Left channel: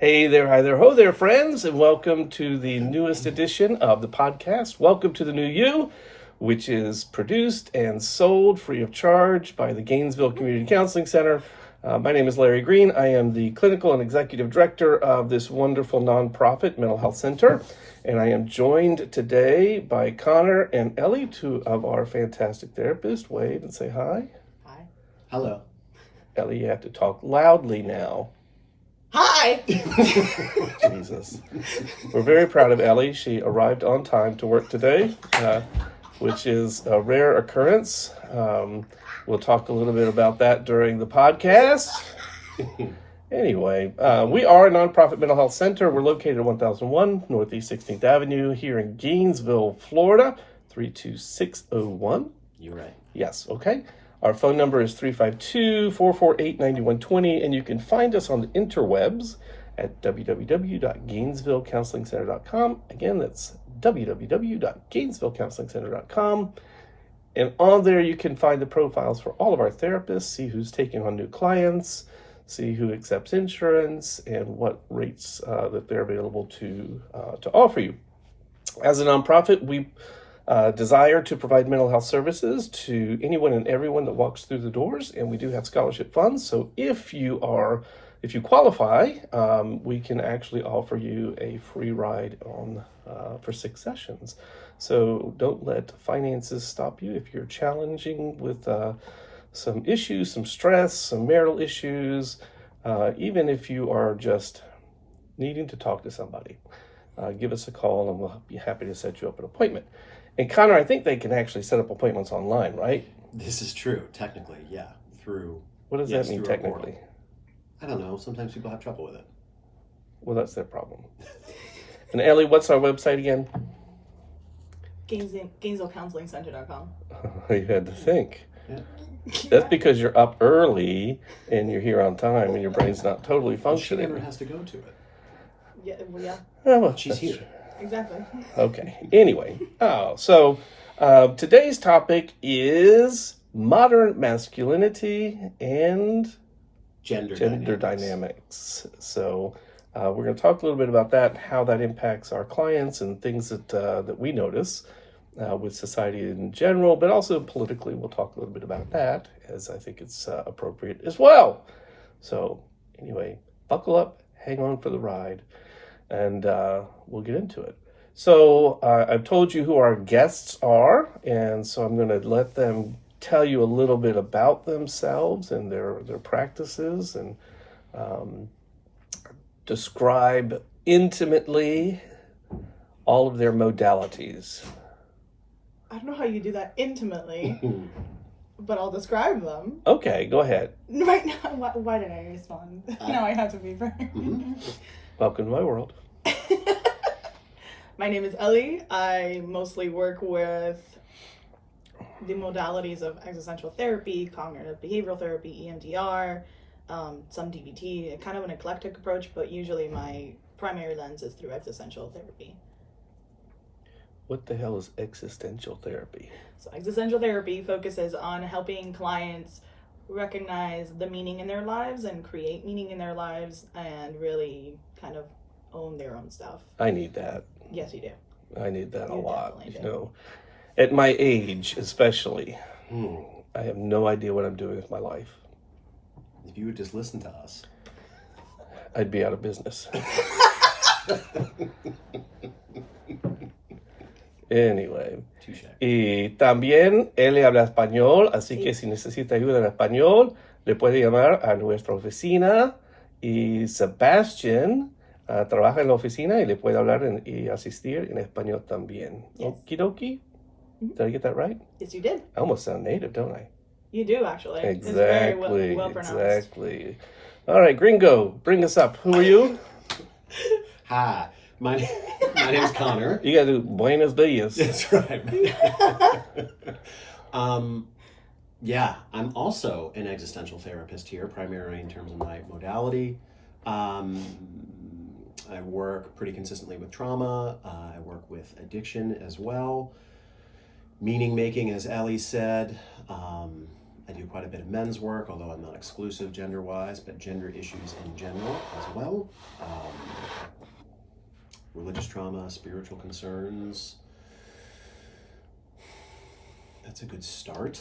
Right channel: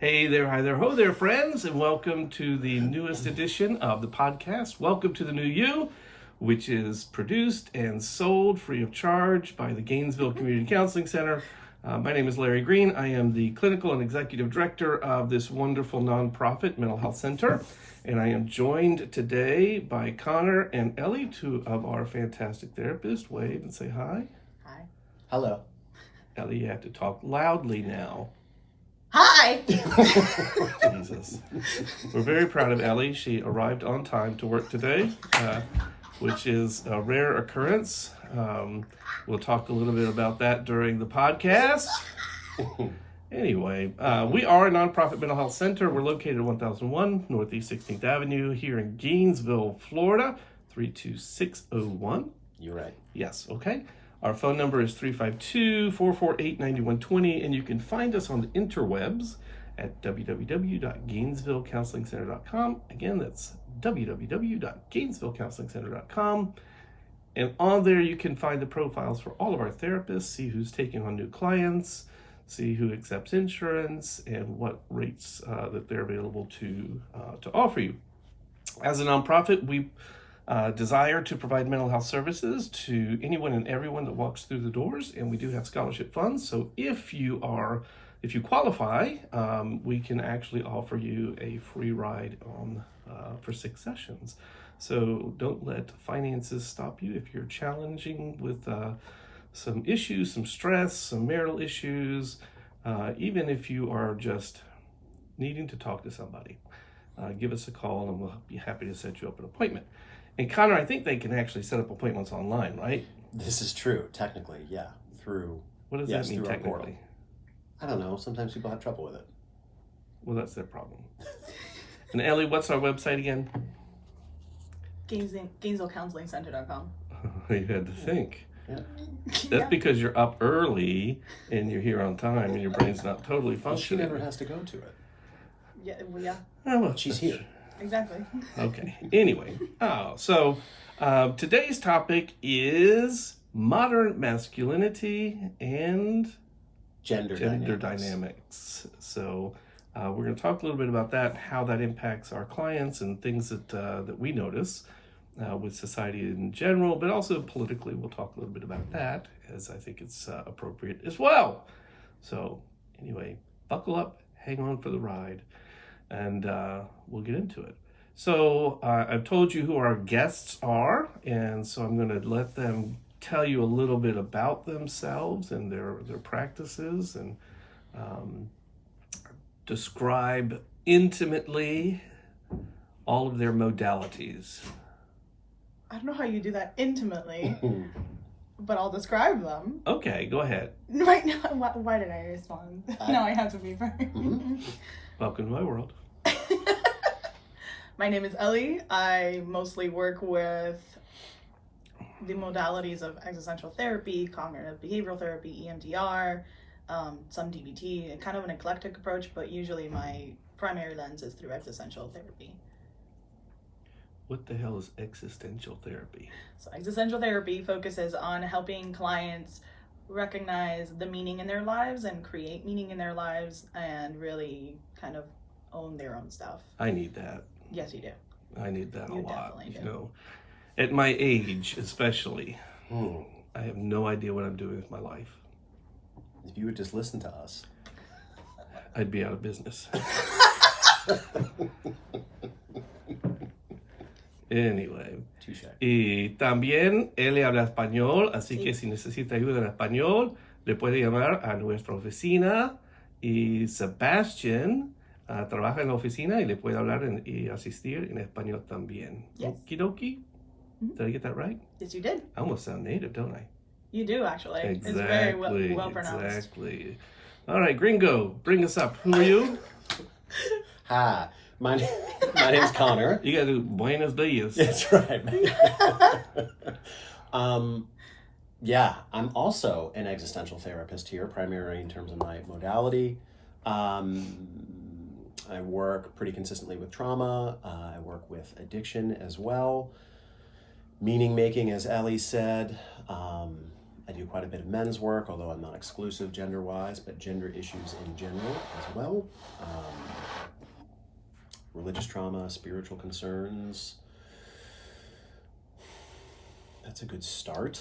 Hey there, hi there, ho there, friends, and welcome to the newest edition of the podcast. Welcome to the New You, which is produced and sold free of charge by the Gainesville Community Counseling Center. My name is Larry Green. I am the clinical and executive director of this wonderful nonprofit mental health center, and I am joined today by Connor and Ely, two of our fantastic therapists. Wave and say hi. Hi. Hello. Ely, you have to talk loudly now. Hi! Jesus. We're very proud of Ely. She arrived on time to work today, which is a rare occurrence. We'll talk a little bit about that during the podcast. Anyway, we are a nonprofit mental health center. We're located at 1001 Northeast 16th Avenue here in Gainesville, Florida, 32601. You're right. Yes, okay. Our phone number is 352-448-9120, and you can find us on the interwebs at www.gainesvillecounselingcenter.com. Again, that's www.gainesvillecounselingcenter.com. And on there, you can find the profiles for all of our therapists, see who's taking on new clients, see who accepts insurance, and what rates that they're available to offer you. As a nonprofit, we desire to provide mental health services to anyone and everyone that walks through the doors, and we do have scholarship funds. So if you qualify, we can actually offer you a free ride on for 6 sessions. So don't let finances stop you. If you're challenging with some issues, some stress, some marital issues, even if you are just needing to talk to somebody, give us a call and we'll be happy to set you up an appointment. And Connor, I think they can actually set up appointments online, right? This is true, technically, yeah. What does that mean technically? I don't know. Sometimes people have trouble with it. Well, that's their problem. And Ellie, what's our website again? GainesvilleCounselingCenter.com. You had to think. Yeah. That's because you're up early and you're here on time and your brain's not totally functioning. She never has to go to it. Yeah, well, yeah, Oh, well, She's here. exactly. Okay. Anyway, so today's topic is modern masculinity and Gender dynamics. So we're going to talk a little bit about that, how that impacts our clients and things that we notice with society in general, but also politically. We'll talk a little bit about that, as I think it's appropriate as well. So anyway, buckle up, hang on for the ride, and we'll get into it. So I've told you who our guests are, and so I'm going to let them tell you a little bit about themselves and their practices, and describe intimately all of their modalities. I don't know how you do that intimately, but I'll describe them. Okay, go ahead. Right now, why did I respond? Now I have to be first. Welcome to my world. My name is Ely. I mostly work with the modalities of existential therapy, cognitive behavioral therapy, EMDR, some DBT, kind of an eclectic approach, but usually my primary lens is through existential therapy. What the hell is existential therapy? So existential therapy focuses on helping clients recognize the meaning in their lives and create meaning in their lives and really kind of own their own stuff. I need that. Yes, you do. I need that a lot. Definitely You do. know, at my age especially, I have no idea what I'm doing with my life. If you would just listen to us. I'd be out of business. Anyway. Touche. Y también él habla español, así Sí. que si necesita ayuda en español, le puede llamar a nuestra oficina. Y Sebastian trabaja en la oficina y le puede hablar y asistir en español también. Yes. Okidoki? Did I get that right? Yes, you did. I almost sound native, don't I? You do, actually. Exactly. It's very well pronounced. Exactly. All right, Gringo, bring us up. Who are you? Hi. My name is Connor. You got to do buenos dias. That's right. Yeah, I'm also an existential therapist here, primarily in terms of my modality. I work pretty consistently with trauma. I work with addiction as well. Meaning making, as Ely said. I do quite a bit of men's work, although I'm not exclusive gender-wise, but gender issues in general as well. Religious trauma, spiritual concerns. That's a good start.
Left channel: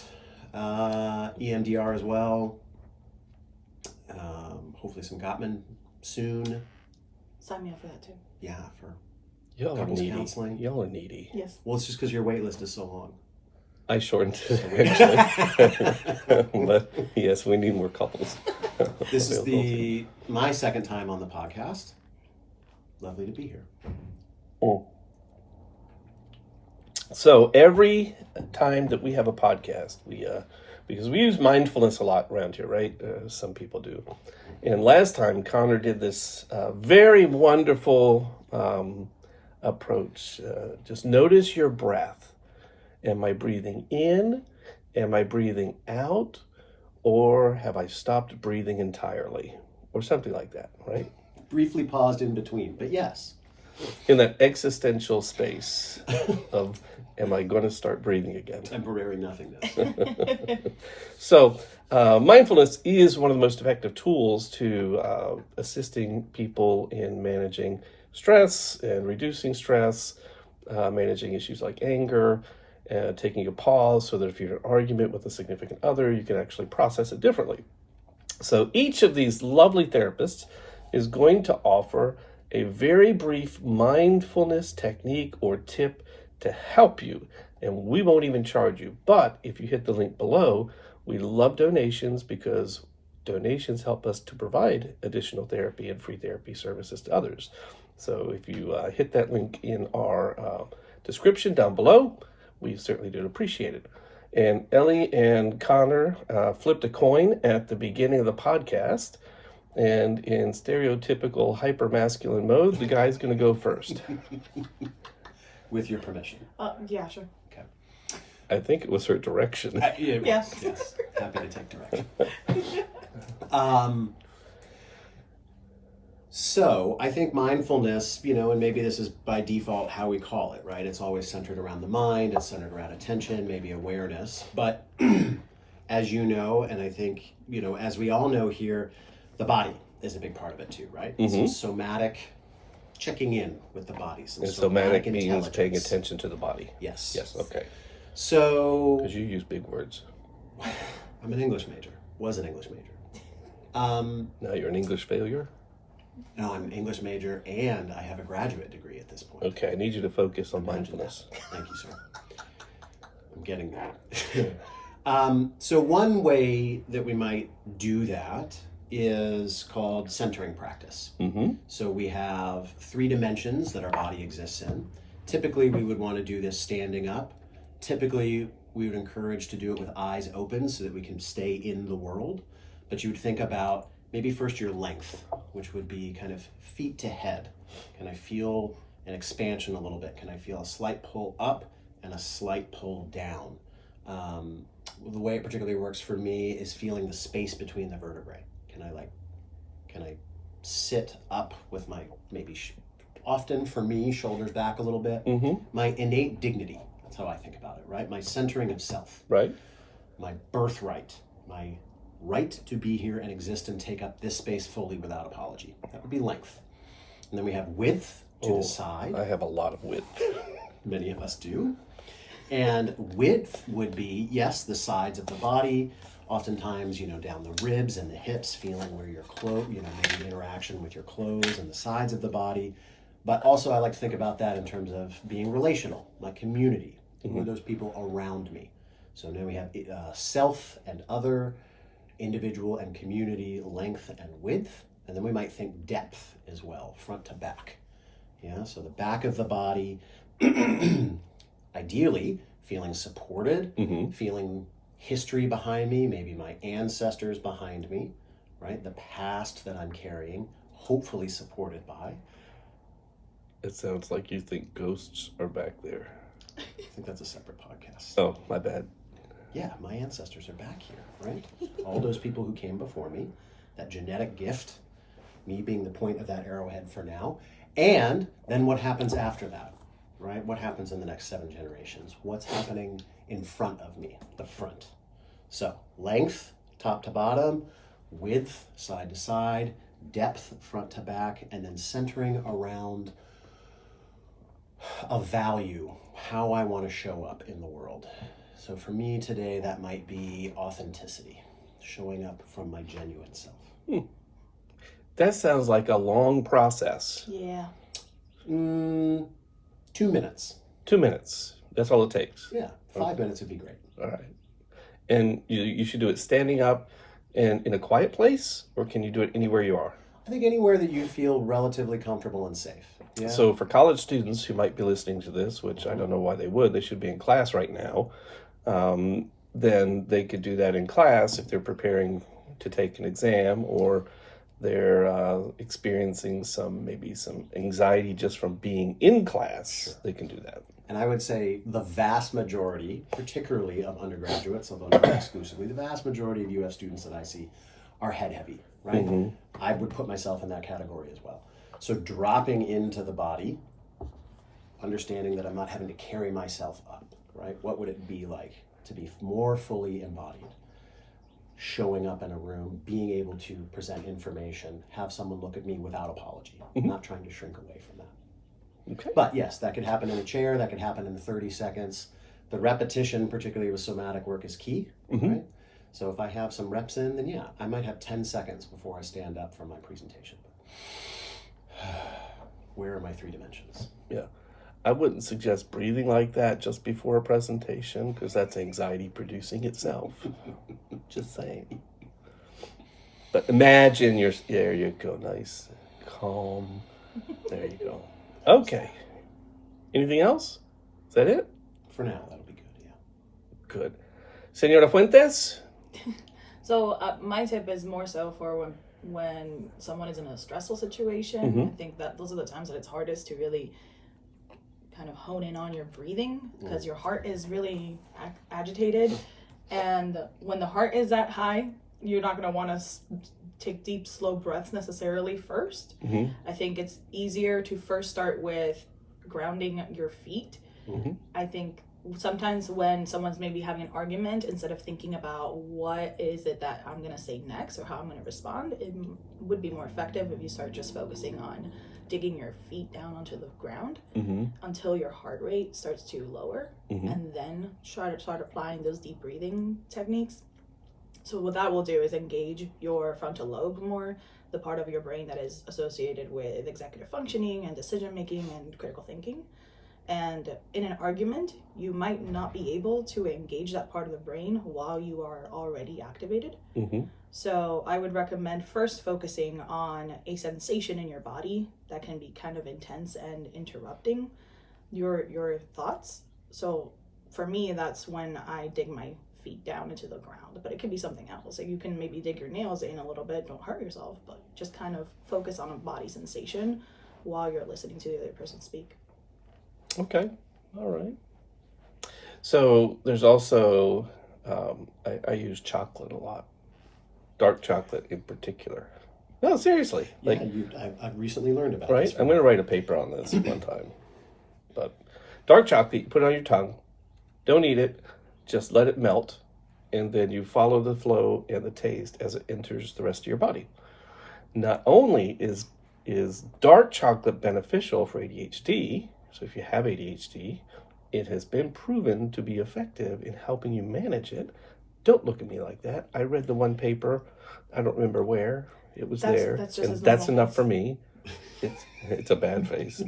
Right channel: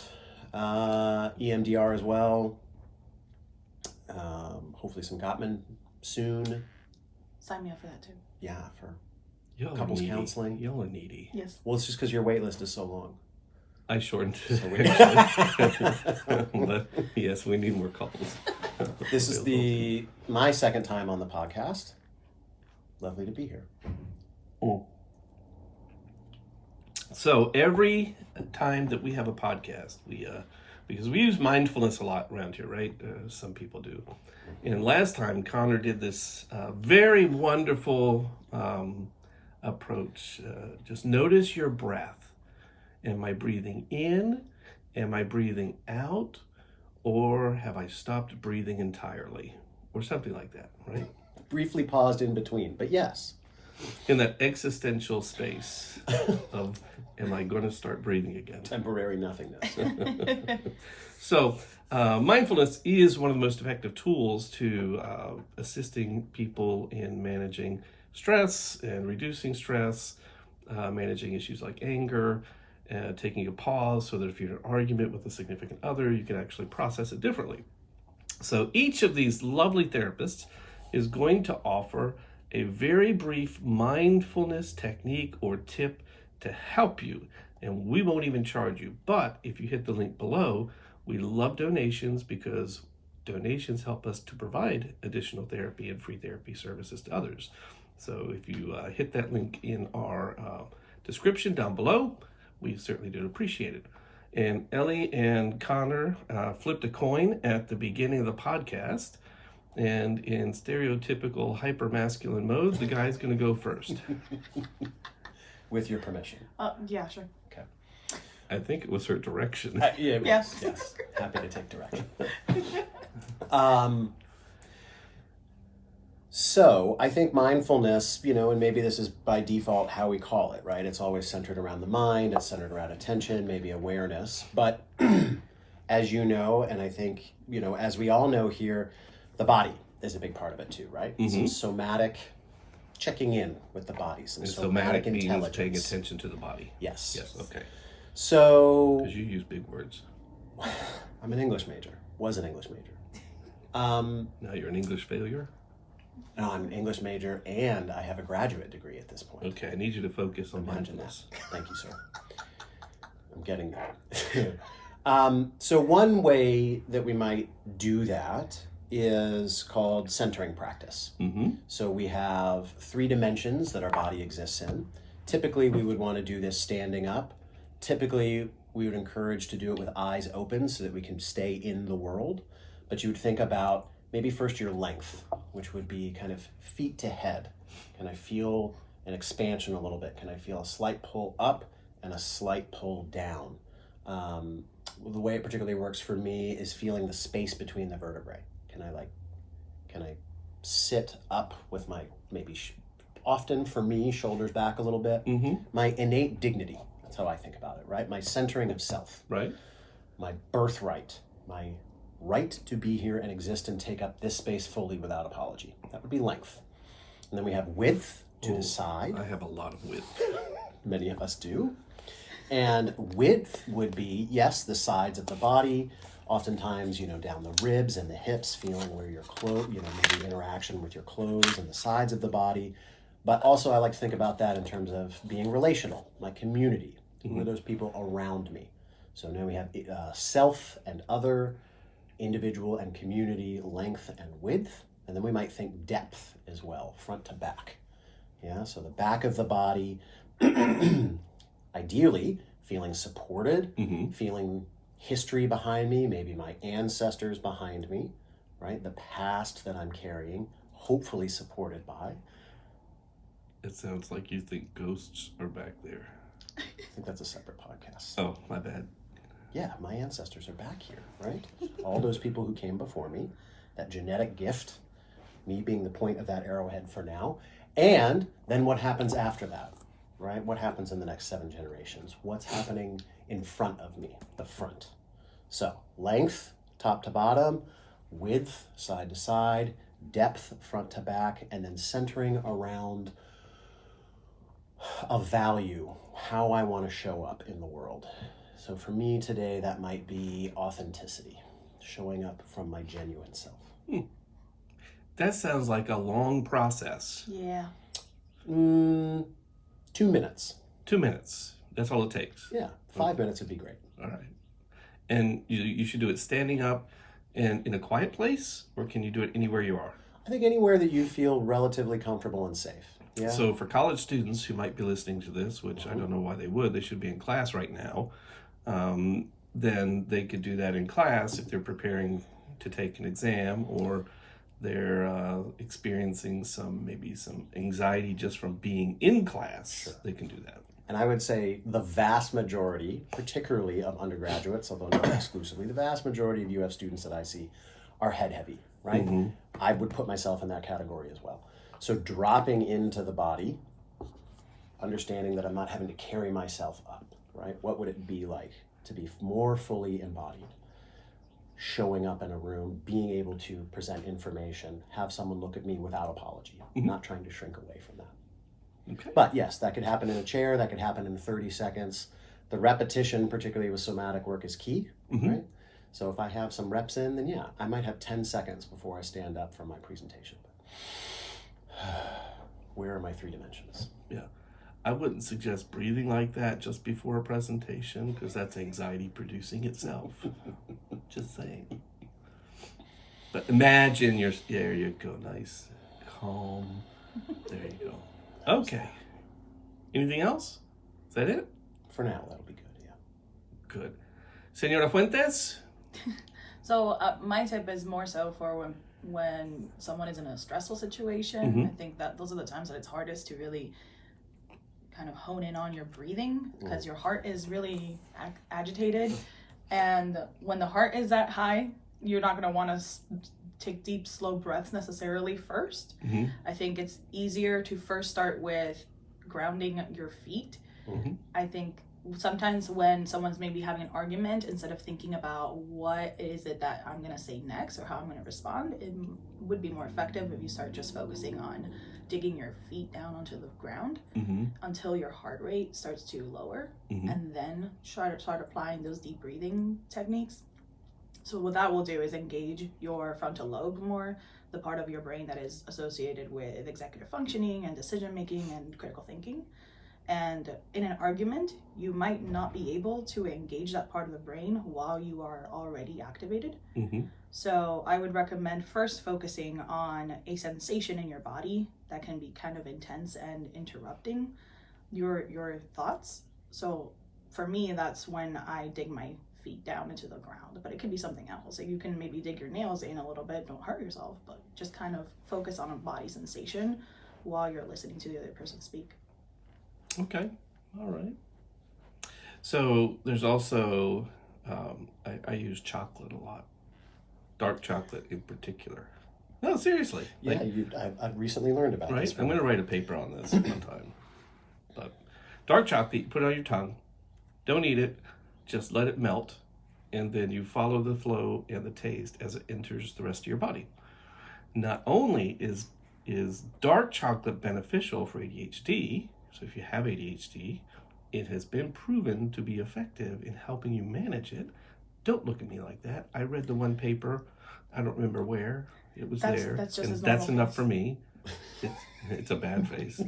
EMDR as well. Hopefully some Gottman soon. Sign me up for that too. Yeah, for Y'all are couples needy. counseling. Y'all are needy. Yes. Well, it's just because your wait list is so long. I shortened it, actually. But yes, we need more couples. This is my second time on the podcast. Lovely to be here. Oh. So every time that we have a podcast, because we use mindfulness a lot around here, right? Some people do. And last time, Connor did this very wonderful approach. Just notice your breath. Am I breathing in? Am I breathing out? Or have I stopped breathing entirely? Or something like that, right? Briefly paused in between, but yes. In that existential space of, am I going to start breathing again? Temporary nothingness. So, mindfulness is one of the most effective tools to assisting people in managing stress and reducing stress, managing issues like anger, taking a pause so that if you're in an argument with a significant other, you can actually process it differently. So each of these lovely therapists is going to offer a very brief mindfulness technique or tip to help you. And we won't even charge you. But if you hit the link below, we love donations because donations help us to provide additional therapy and free therapy services to others. So if you hit that link in our description down below, we certainly do appreciate it. And Ely and Connor flipped a coin at the beginning of the podcast. And in stereotypical hyper-masculine mode, the guy's going to go first. With your permission. Yeah, sure. Okay. I think it was her direction. Yes. Yes. Happy to take direction. So I think mindfulness, and maybe this is by default how we call it, right? It's always centered around the mind, it's centered around attention, maybe awareness. But as you know, and I think, as we all know here, the body is a big part of it too, right? Mm-hmm. Some somatic checking in with the body. Some And somatic means intelligence. paying attention to the body. Yes. Yes, okay. So Because you use big words. I'm an English major. Was an English major. Now you're an English failure? No, I'm an English major and I have a graduate degree at this point. Okay, I need you to focus on Imagine mindfulness. that. Thank you, sir. I'm getting there. So one way that we might do that is called centering practice. Mm-hmm. So we have 3 dimensions that our body exists in. Typically, we would want to do this standing up. Typically, we would encourage to do it with eyes open so that we can stay in the world. But you would think about maybe first your length, which would be kind of feet to head. Can I feel an expansion a little bit? Can I feel a slight pull up and a slight pull down? The way it particularly works for me is feeling the space between the vertebrae. Can I sit up with my often for me, shoulders back a little bit? Mm-hmm. My innate dignity, that's how I think about it, right? My centering of self. Right? My birthright, my right to be here and exist and take up this space fully without apology. That would be length. And then we have width to the side. I have a lot of width. Many of us do. And width would be, yes, the sides of the body, oftentimes, down the ribs and the hips, feeling where your clothes, maybe interaction with your clothes and the sides of the body. But also I like to think about that in terms of being relational, my community. Who are those people around me? So now we have self and other, individual and community, length and width. And then we might think depth as well, front to back. Yeah, so the back of the body, ideally feeling supported, feeling history behind me, maybe my ancestors behind me, right? The past that I'm carrying, hopefully supported by. It sounds like you think ghosts are back there. I think that's a separate podcast. Oh, my bad. Yeah, my ancestors are back here, right? All those people who came before me, that genetic gift, me being the point of that arrowhead for now. And then what happens after that, right? What happens in the next 7 generations? What's happening in front of me, the front? So length, top to bottom, width, side to side, depth, front to back, and then centering around a value, how I want to show up in the world. So for me today, that might be authenticity, showing up from my genuine self. That sounds like a long process. Yeah. 2 minutes. 2 minutes. That's all it takes. Yeah, 5 minutes would be great. All right. And you should do it standing up and in a quiet place, or can you do it anywhere you are? I think anywhere that you feel relatively comfortable and safe. Yeah. So for college students who might be listening to this, which I don't know why they would, they should be in class right now, then they could do that in class if they're preparing to take an exam, or they're experiencing maybe some anxiety just from being in class. Sure. They can do that. And I would say the vast majority, particularly of undergraduates, although not exclusively, the vast majority of UF students that I see are head heavy, right? Mm-hmm. I would put myself in that category as well. So dropping into the body, understanding that I'm not having to carry myself up, right? What would it be like to be more fully embodied? Showing up in a room, being able to present information, have someone look at me without apology, not trying to shrink away from that. Okay. But yes, that could happen in a chair, that could happen in 30 seconds. The repetition, particularly with somatic work, is key, right? So if I have some reps in, then yeah, I might have 10 seconds before I stand up for my presentation. Where are my 3 dimensions? Yeah. I wouldn't suggest breathing like that just before a presentation, because that's anxiety producing itself. Just saying. But imagine there you go, nice, calm. There you go. Okay. Anything else? Is that it? For now, that'll be good, yeah. Good. Senora Fuentes? So my tip is more so for when someone is in a stressful situation. I think that those are the times that it's hardest to really kind of hone in on your breathing, because your heart is really agitated, and when the heart is that high, you're not going to want to take deep, slow breaths necessarily first. I think it's easier to first start with grounding your feet. I think sometimes when someone's maybe having an argument, instead of thinking about what is it that I'm going to say next or how I'm going to respond, it would be more effective if you start just focusing on digging your feet down onto the ground until your heart rate starts to lower, and then start applying those deep breathing techniques. So what that will do is engage your frontal lobe more, the part of your brain that is associated with executive functioning and decision making and critical thinking. And in an argument, you might not be able to engage that part of the brain while you are already activated. So I would recommend first focusing on a sensation in your body that can be kind of intense and interrupting your thoughts. So for me, that's when I dig my feet down into the ground, but it could be something else. So you can maybe dig your nails in a little bit, don't hurt yourself, but just kind of focus on a body sensation while you're listening to the other person speak. Okay, all right. So there's also, I use chocolate a lot, dark chocolate in particular. No, seriously. Yeah, I've recently learned about right? this. I'm going to write a paper on this one time. But dark chocolate, you put it on your tongue. Don't eat it. Just let it melt. And then you follow the flow and the taste as it enters the rest of your body. Not only is dark chocolate beneficial for ADHD, so if you have ADHD, it has been proven to be effective in helping you manage it. Don't look at me like that. I read the one paper. I don't remember where. It was there. That's enough for me. It's a bad face.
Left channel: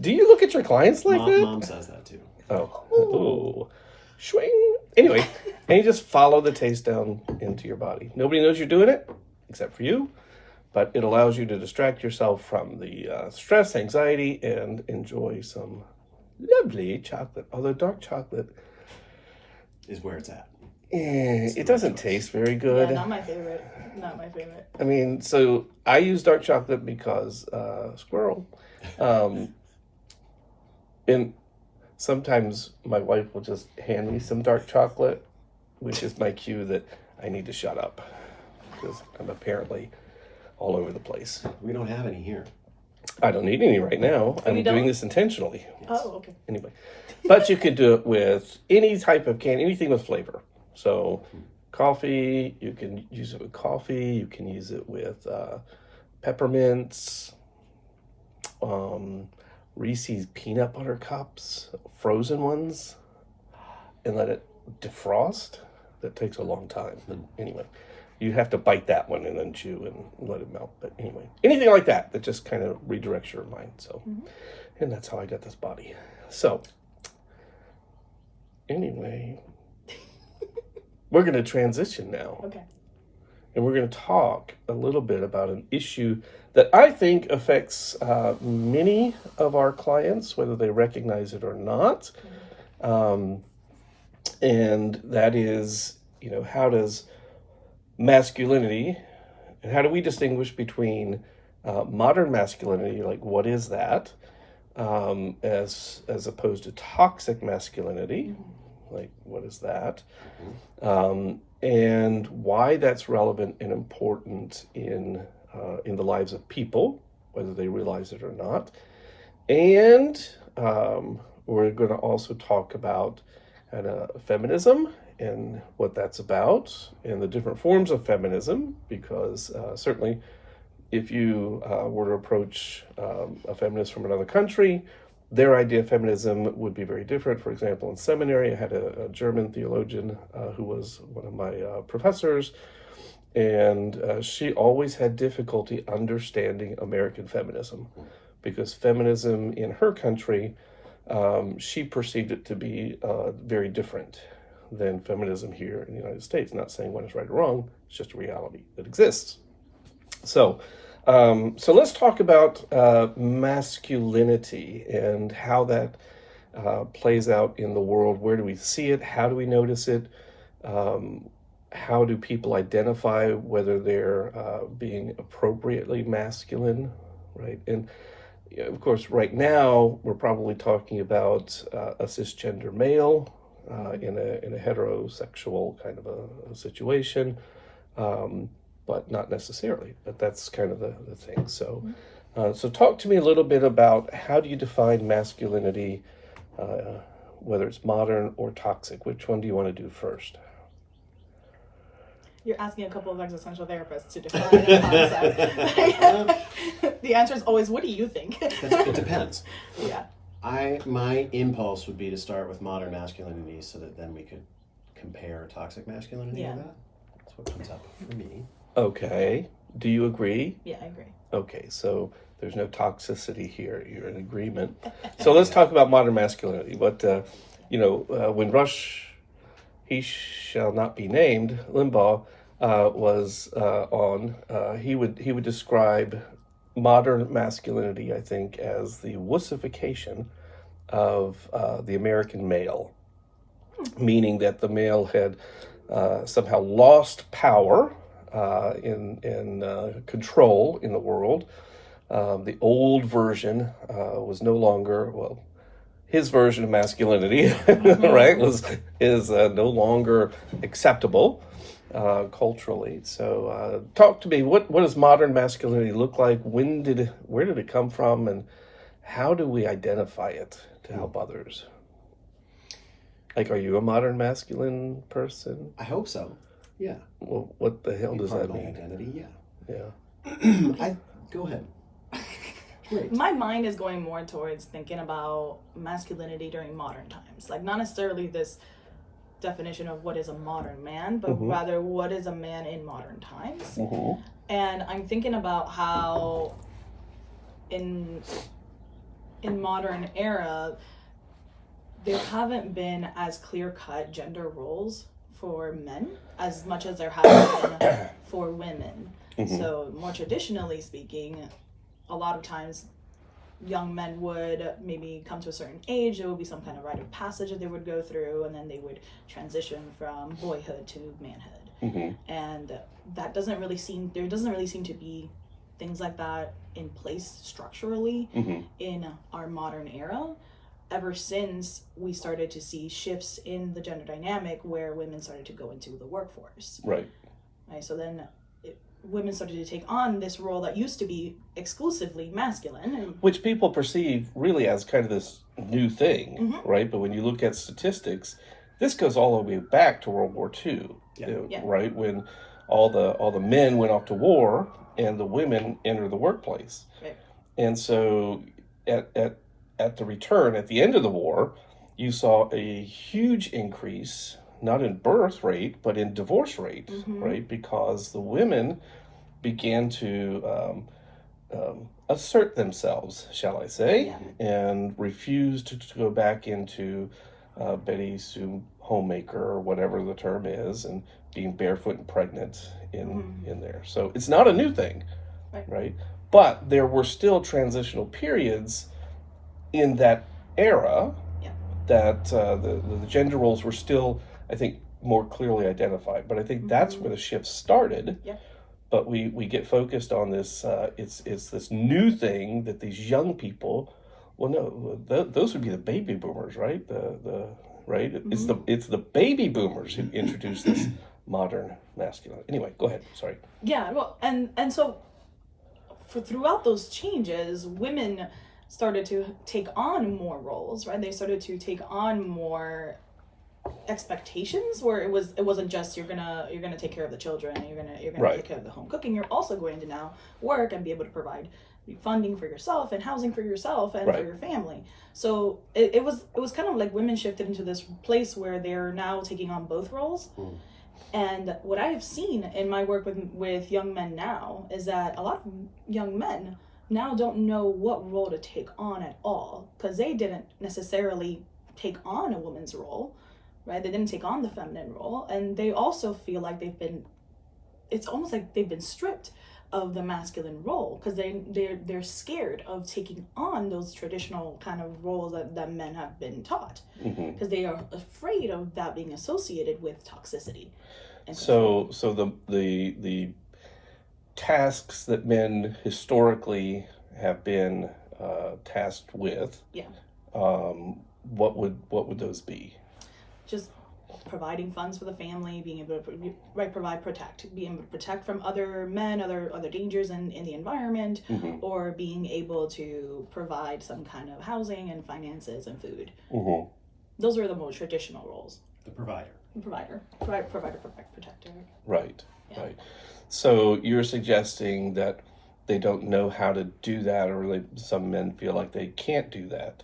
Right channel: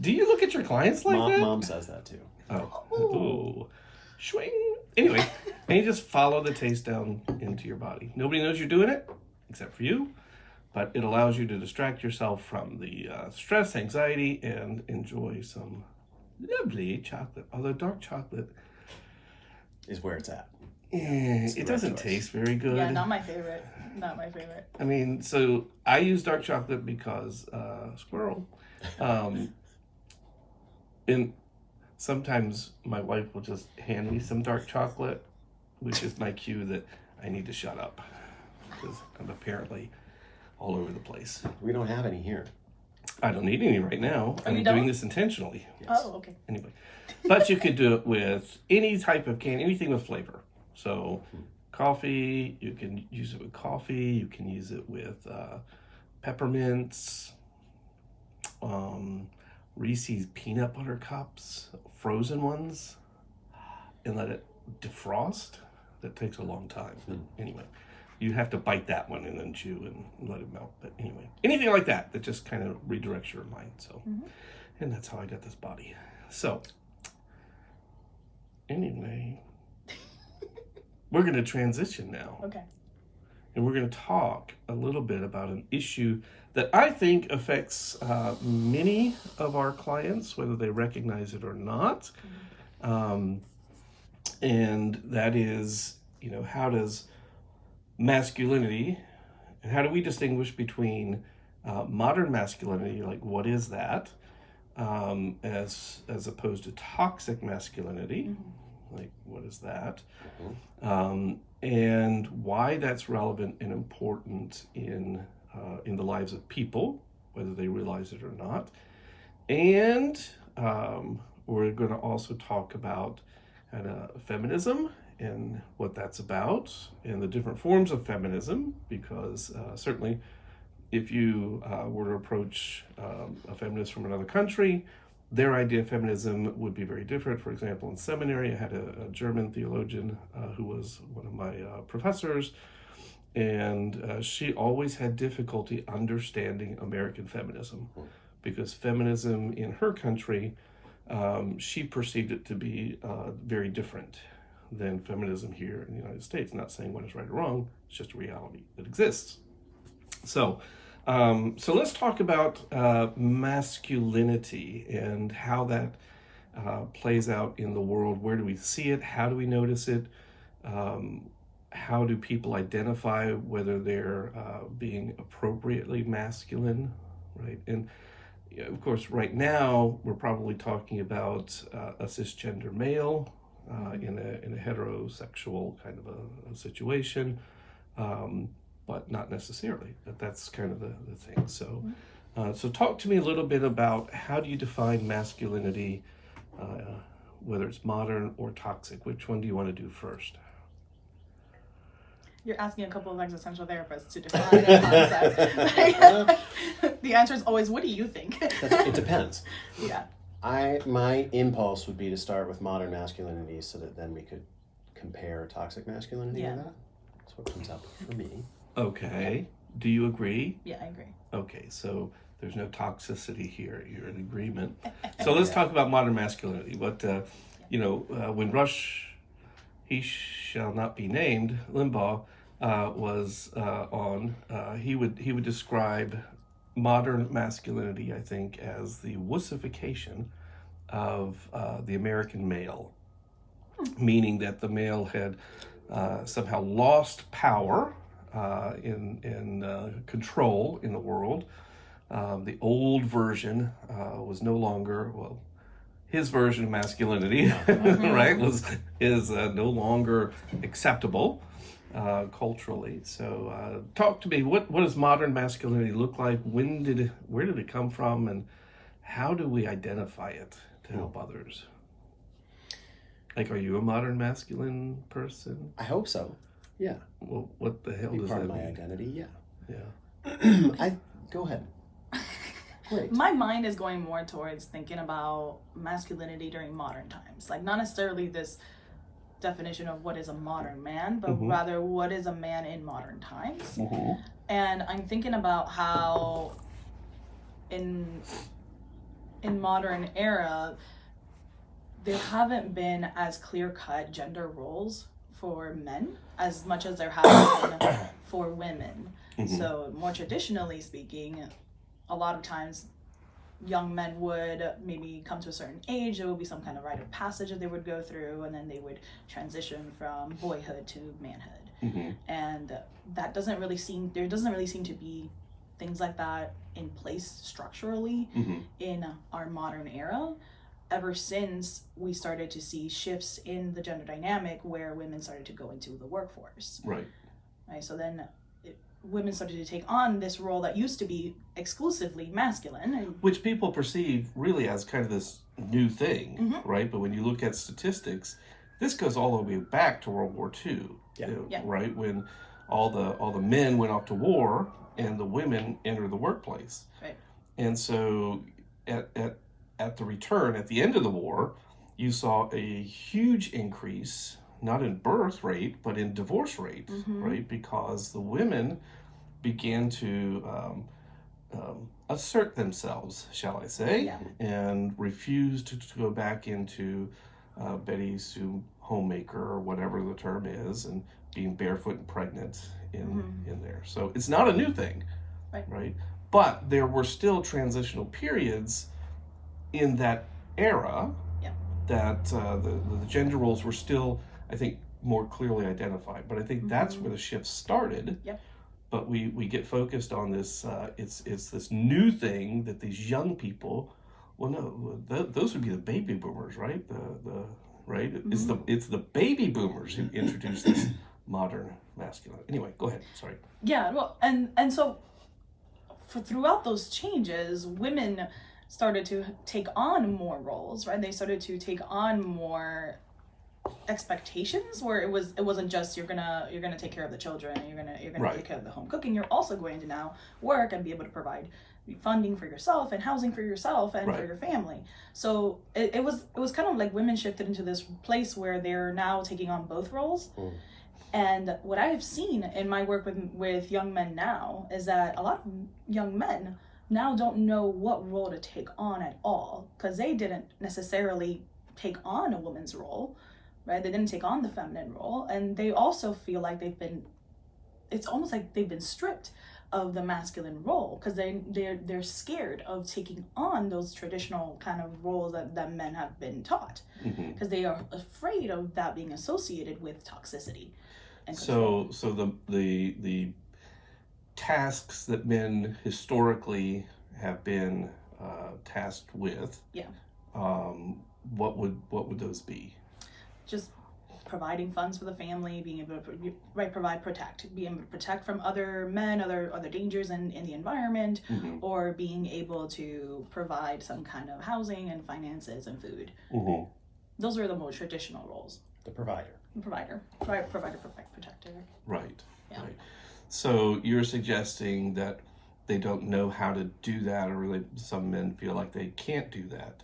Do you look at your clients like that? Mom says that too. Oh. Swing. Anyway, and you just follow the taste down into your body. Nobody knows you're doing it except for you, but it allows you to distract yourself from the stress, anxiety, and enjoy some lovely chocolate. Although dark chocolate is where it's at. It doesn't taste very good. Yeah, not my favorite. Not my favorite. I mean, so I use dark chocolate because squirrel. And sometimes my wife will just hand me some dark chocolate, which is my cue that I need to shut up because I'm apparently all over the place. We don't have any here. I don't need any right now. I'm doing this intentionally. Yes. Oh, okay. Anyway, but you could do it with any type of candy, anything with flavor. So coffee, you can use it with coffee, you can use it with peppermints, Reese's peanut butter cups, frozen ones, and let it defrost. That takes a long time. But anyway, you have to bite that one and then chew and let it melt. But anyway, anything like that just kind of redirects your mind. So, and that's how I got this body. So, anyway, we're going to transition now. Okay. And we're going to talk a little bit about an issue that I think affects many of our clients, whether they recognize it or not. And that is, how does masculinity, and how do we distinguish between modern masculinity, like what is that, as opposed to toxic masculinity, like what is that, and why that's relevant and important in the lives of people, whether they realize it or not. And we're going to also talk about feminism and what that's about, and the different forms of feminism, because certainly if you were to approach a feminist from another country, their idea of feminism would be very different. For example, in seminary, I had a German theologian who was one of my professors, and she always had difficulty understanding American feminism, because feminism in her country, she perceived it to be very different than feminism here in the United States. Not saying one is right or wrong, it's just a reality that exists. So let's talk about masculinity and how that plays out in the world. Where do we see it? How do we notice it? How do people identify whether they're being appropriately masculine, right? And of course, right now, we're probably talking about a cisgender male in a heterosexual kind of a situation, but not necessarily. But that's kind of the thing. So, so talk to me a little bit about how do you define masculinity, whether it's modern or toxic? Which one do you want to do first? You're asking a couple of existential therapists to define a concept. The answer is always, what do you think? It depends. Yeah. My impulse would be to start with modern masculinity so that then we could compare toxic masculinity to that. That's what comes up for me. Okay. Do you agree? Yeah, I agree. Okay, so there's no toxicity here. You're in agreement. So let's talk about modern masculinity. But, when Rush, he shall not be named, Limbaugh, was on, he would describe modern masculinity, I think, as the wussification of the American male, meaning that the male had somehow lost power in control in the world. The old version was no longer, his version of masculinity, right, is no longer acceptable culturally. So talk to me, what does modern masculinity look like? Where did it come from, and how do we identify it to help others? Like, are you a modern masculine person? I hope so. Yeah. Well, what the hell does that mean? Identity, yeah. Yeah. Go ahead. Great. My mind is going more towards thinking about masculinity during modern times. Like, not necessarily this definition of what is a modern man, but rather what is a man in modern times. And I'm thinking about how in modern era, there haven't been as clear-cut gender roles for men as much as there have been for women. So more traditionally speaking, a lot of times young men would maybe come to a certain age, there would be some kind of rite of passage that they would go through, and then they would transition from boyhood to manhood. And that doesn't really seem to be things like that in place structurally in our modern era, ever since we started to see shifts in the gender dynamic where women started to go into the workforce. Right. So then women started to take on this role that used to be exclusively masculine. Which people perceive really as kind of this new thing, right? But when you look at statistics, this goes all the way back to World War II, Yeah. Yeah. right? When all the men went off to war and the women entered the workplace. Right. And so at the return, at the end of the war, you saw a huge increase, not in birth rate, but in divorce rate, right? Because the women began to assert themselves, shall I say, and refused to go back into Betty Sue homemaker or whatever the term is, and being barefoot and pregnant in there. So it's not a new thing, right? But there were still transitional periods in that era that the gender roles were still, I think, more clearly identified. But I think that's where the shift started. Yeah. But we get focused on this. It's this new thing that these young people. Well, no, those would be the baby boomers, right? The right. It's the baby boomers who introduced this modern masculinity. Anyway, go ahead. Sorry. Yeah. Well, and so throughout those changes, women started to take on more roles, right? They started to take on more expectations, where it wasn't just you're gonna take care of the children, you're gonna take care of the home cooking. You're also going to now work and be able to provide funding for yourself and housing for yourself and for your family. So it was kind of like women shifted into this place where they're now taking on both roles. And what I have seen in my work with young men now is that a lot of young men now don't know what role to take on at all, because they didn't necessarily take on a woman's role, right? They didn't take on the feminine role, and they also feel like it's almost like they've been stripped of the masculine role, because they're scared of taking on those traditional kind of roles that men have been taught, because they are afraid of that being associated with toxicity. And so the tasks that men historically have been tasked with, what would those be? Just providing funds for the family, being able to being able to protect from other men, other dangers in the environment, or being able to provide some kind of housing and finances and food. Those are the more traditional roles. The provider, protector. Right. So you're suggesting that they don't know how to do that, or some men feel like they can't do that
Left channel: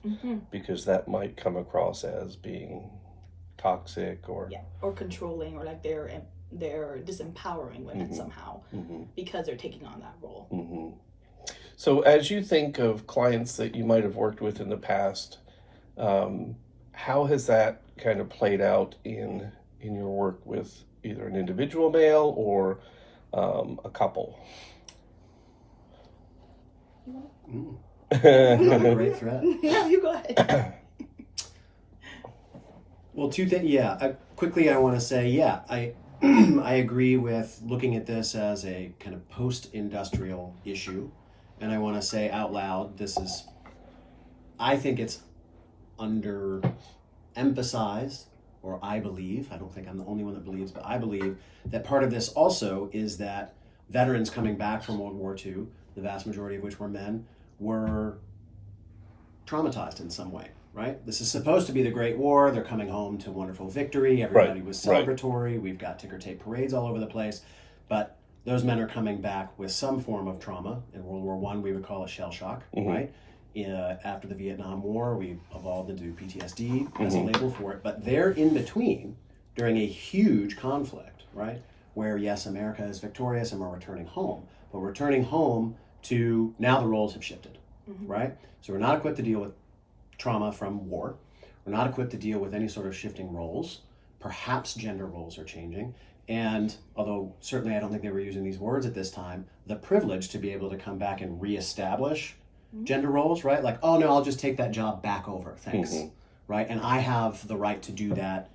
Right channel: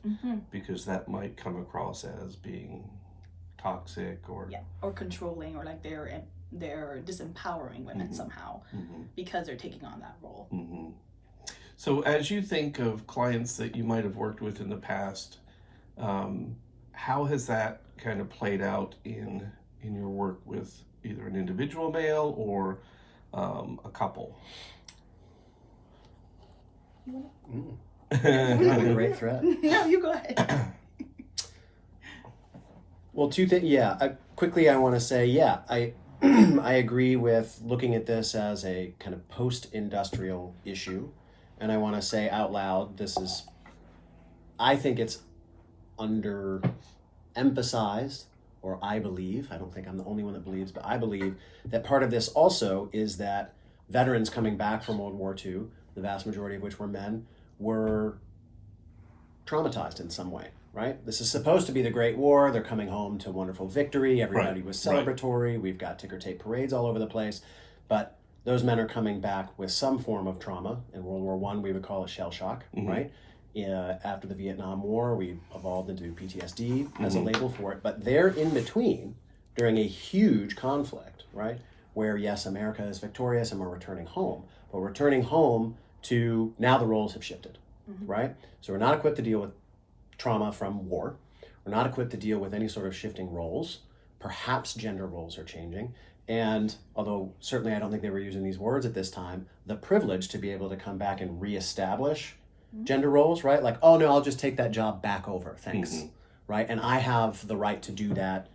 because that might come across as being toxic or controlling, or like they're disempowering women somehow because they're taking on that role. So as you think of clients that you might have worked with in the past, how has that kind of played out in your work with either an individual male or a couple? a great threat. No, you go ahead. Well, two things. Quickly, I want to say, I I agree with looking at this as a kind of post-industrial issue, and I want to say out loud, I think it's underemphasized, or I don't think I'm the only one that believes, but I believe that part of this also is that veterans coming back from World War II, the vast majority of which were men, were traumatized in some way, right? This is supposed to be the Great War. They're coming home to wonderful victory. Everybody was celebratory. We've got ticker tape parades all over the place. But those men are coming back with some form of trauma. In World War I, we would call it shell shock, right? After the Vietnam War, we evolved into PTSD as a label for it. But they're in between during a huge conflict, right? Where, yes, America is victorious and we're returning home. But we're returning home to, now the roles have shifted, right? So we're not equipped to deal with trauma from war. We're not equipped to deal with any sort of shifting roles. Perhaps gender roles are changing. And although certainly I don't think they were using these words at this time, the privilege to be able to come back and reestablish gender roles, right? Like, oh no, I'll just take that job back over, thanks, right? And I have the right to do that,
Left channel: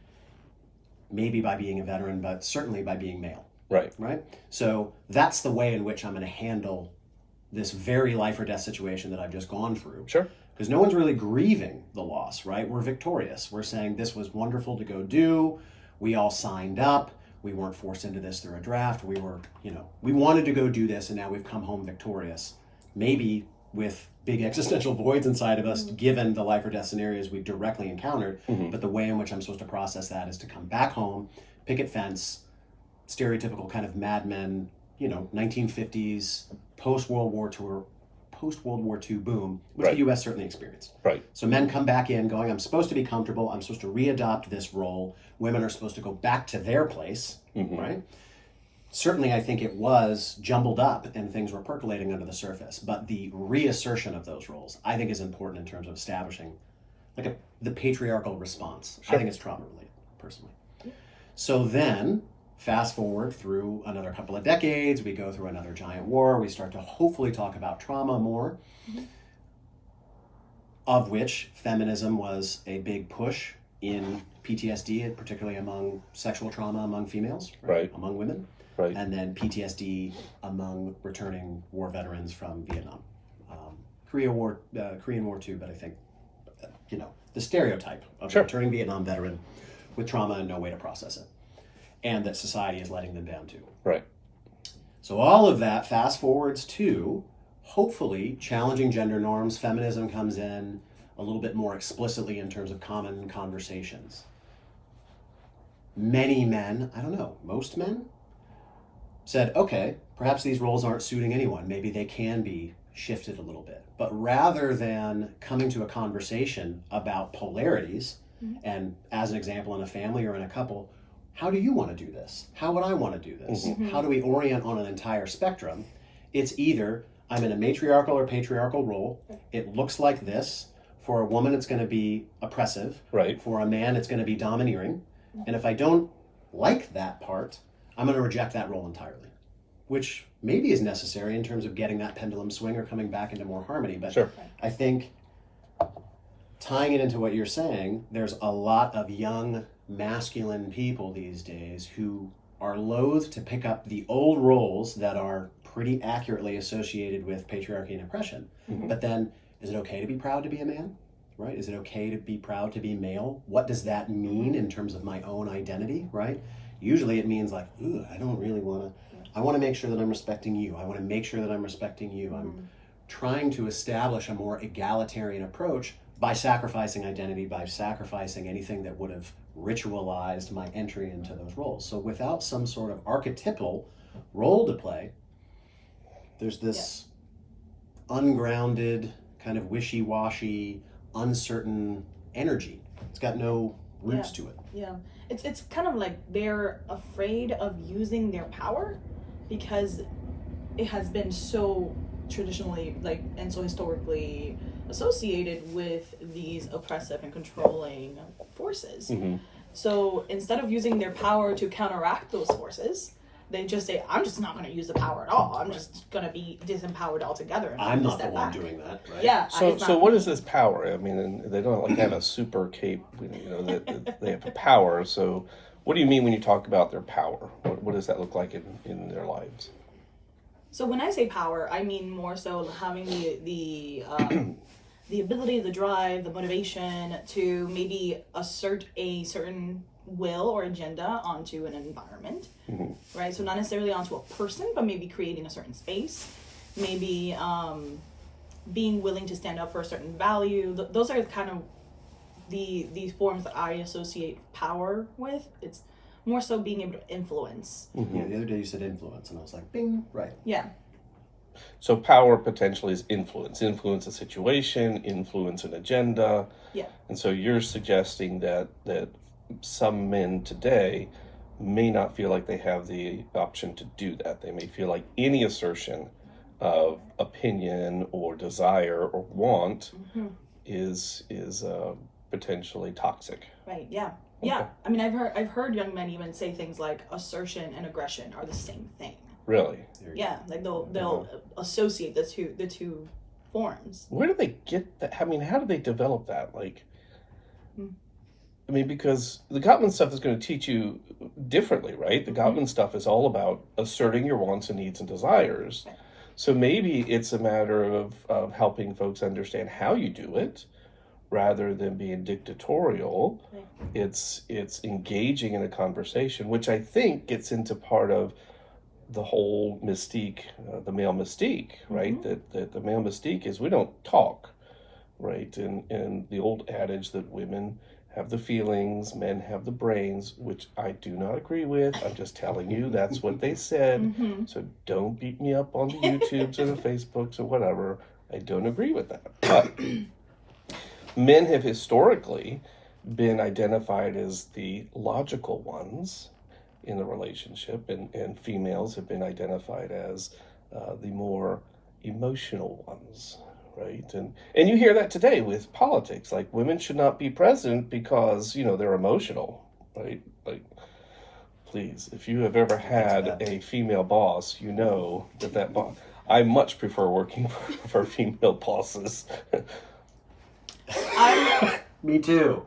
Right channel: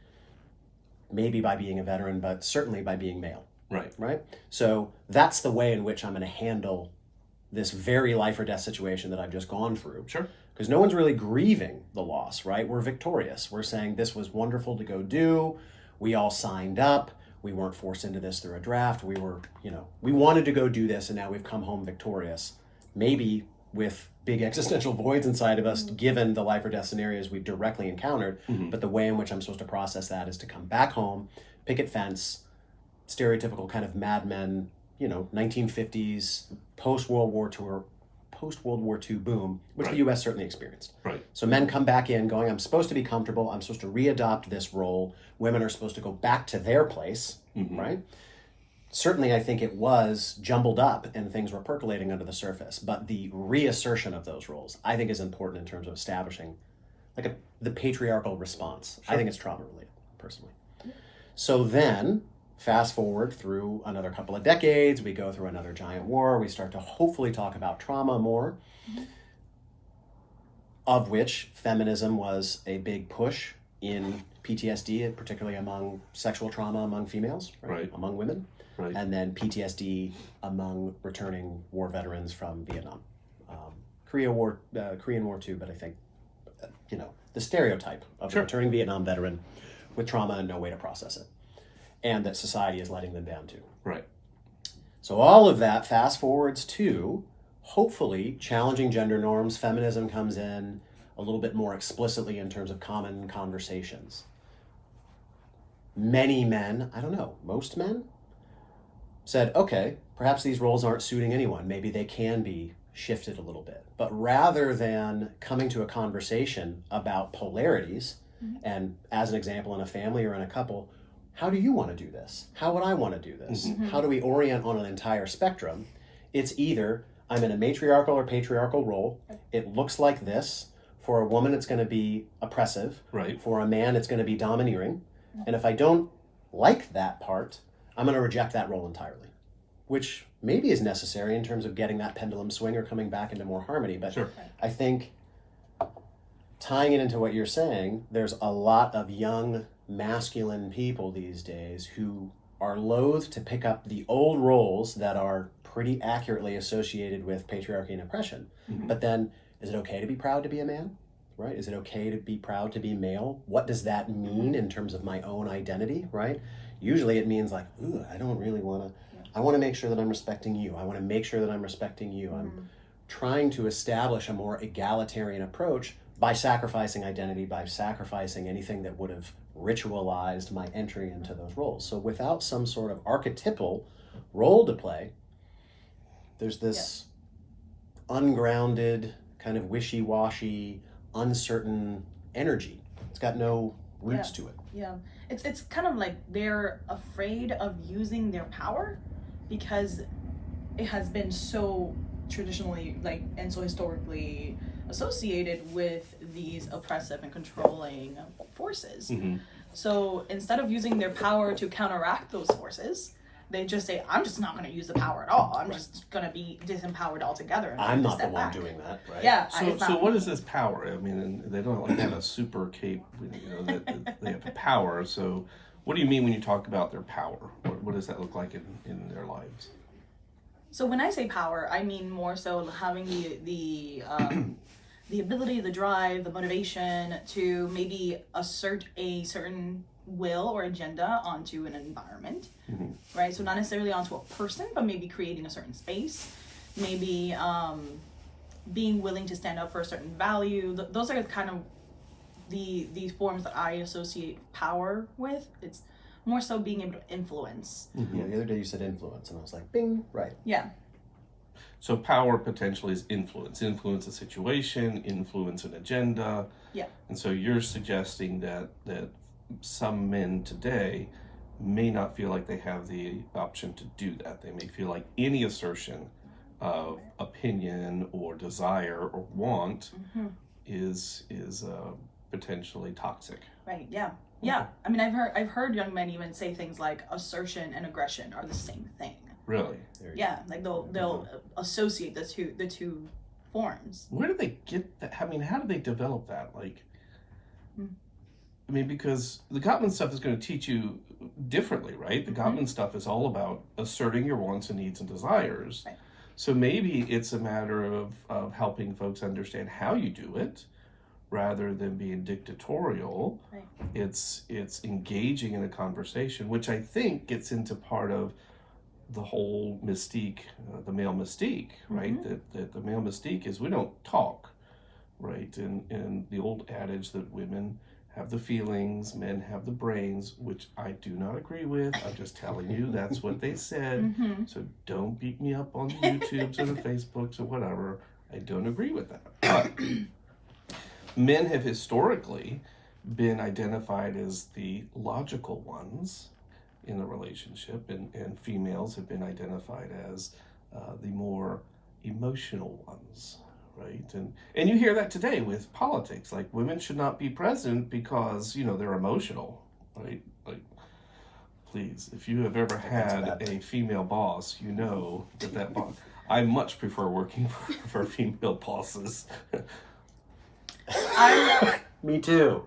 maybe by being a veteran, but certainly by being male, right? So that's the way in which I'm going to handle this very life or death situation that I've just gone through. Sure. Because no one's really grieving the loss, right? We're victorious. We're saying this was wonderful to go do. We all signed up. We weren't forced into this through a draft. We were, we wanted to go do this, and now we've come home victorious. Maybe with big existential voids inside of us, given the life or death scenarios we've directly encountered. But the way in which I'm supposed to process that is to come back home, picket fence, stereotypical kind of Mad Men, 1950s, post-World War II boom, which the U.S. certainly experienced. Right. So men come back in going, I'm supposed to be comfortable, I'm supposed to readopt this role. Women are supposed to go back to their place, right? Certainly, I think it was jumbled up and things were percolating under the surface, but the reassertion of those roles, I think, is important in terms of establishing the patriarchal response. Sure. I think it's trauma-related, personally. So then, fast forward through another couple of decades, we go through another giant war, we start to hopefully talk about trauma more, of which feminism was a big push in PTSD, particularly among sexual trauma among females, Right. among women, Right. and then PTSD among returning war veterans from Vietnam. Korean War too, but I think, the stereotype of a returning Vietnam veteran with trauma and no way to process it, and that society is letting them down too. Right. So all of that fast forwards to, hopefully, challenging gender norms. Feminism comes in a little bit more explicitly in terms of common conversations. Many men, I don't know, most men, said, okay, perhaps these roles aren't suiting anyone. Maybe they can be shifted a little bit. But rather than coming to a conversation about polarities, and as an example, in a family or in a couple, how do you want to do this? How would I want to do this? How do we orient on an entire spectrum? It's either I'm in a matriarchal or patriarchal role. It looks like this. For a woman, it's going to be oppressive. Right. For a man, it's going to be domineering. And if I don't like that part, I'm going to reject that role entirely, which maybe is necessary in terms of getting that pendulum swing or coming back into more harmony. But Sure. I think tying it into what you're saying, there's a lot of young masculine people these days who are loath to pick up the old roles that are pretty accurately associated with patriarchy and oppression. But then, is it okay to be proud to be a man? Right? Is it okay to be proud to be male? What does that mean in terms of my own identity? Right? Usually it means like, ooh, I don't really want to, I want to make sure that I'm respecting you. I want to make sure that I'm respecting you. I'm trying to establish a more egalitarian approach by sacrificing identity, by sacrificing anything that would have ritualized my entry into those roles. So without some sort of archetypal role to play, there's this ungrounded, kind of wishy-washy, uncertain energy. It's got no roots to it. Yeah, it's kind of like they're afraid of using their power because it has been so traditionally and so historically associated with these oppressive and controlling forces. So instead of using their power to counteract those forces, they just say, I'm just not going to use the power at all. I'm just going to be disempowered altogether. And I'm not the step one back. doing that, right? Yeah. So what is this power? I mean, and they don't have a super cape, that they have a power. So what do you mean when you talk about their power? What does that look like in their lives? So when I say power, I mean more so having the ability, the drive, the motivation to maybe assert a certain will or agenda onto an environment, right? So not necessarily onto a person, but maybe creating a certain space, maybe being willing to stand up for a certain value. Those are kind of the forms that I associate power with. It's more so being able to influence. Yeah, the other day you said influence, and I was like, bing, right. Yeah. So power potentially is influence a situation, influence an agenda. Yeah. And so you're suggesting that some men today may not feel like they have the option to do that. They may feel like any assertion of opinion or desire or want is potentially toxic. Right. Yeah. Yeah. I mean, I've heard young men even say things like assertion and aggression are the same thing. Really? Yeah, like they'll associate the two forms. Where do they get that? I mean, how do they develop that? I mean, because the Gottman stuff is going to teach you differently, right? The Gottman stuff is all about asserting your wants and needs and desires. Right. So maybe it's a matter of helping folks understand how you do it rather than being dictatorial. Right. It's engaging in a conversation, which I think gets into part of the whole mystique, the male mystique, right? That the male mystique is we don't talk, right? And the old adage that women have the feelings, men have the brains, which I do not agree with. I'm just telling you that's what they said. So don't beat me up on the YouTubes or the Facebooks or whatever. I don't agree with that. But men have historically been identified as the logical ones in the relationship, and females have been identified as the more emotional ones, right? And you hear that today with politics, like women should not be president because, you know, they're emotional, right? Like, please, if you have ever had a female boss, you know that boss. I much prefer working for female bosses. Me too.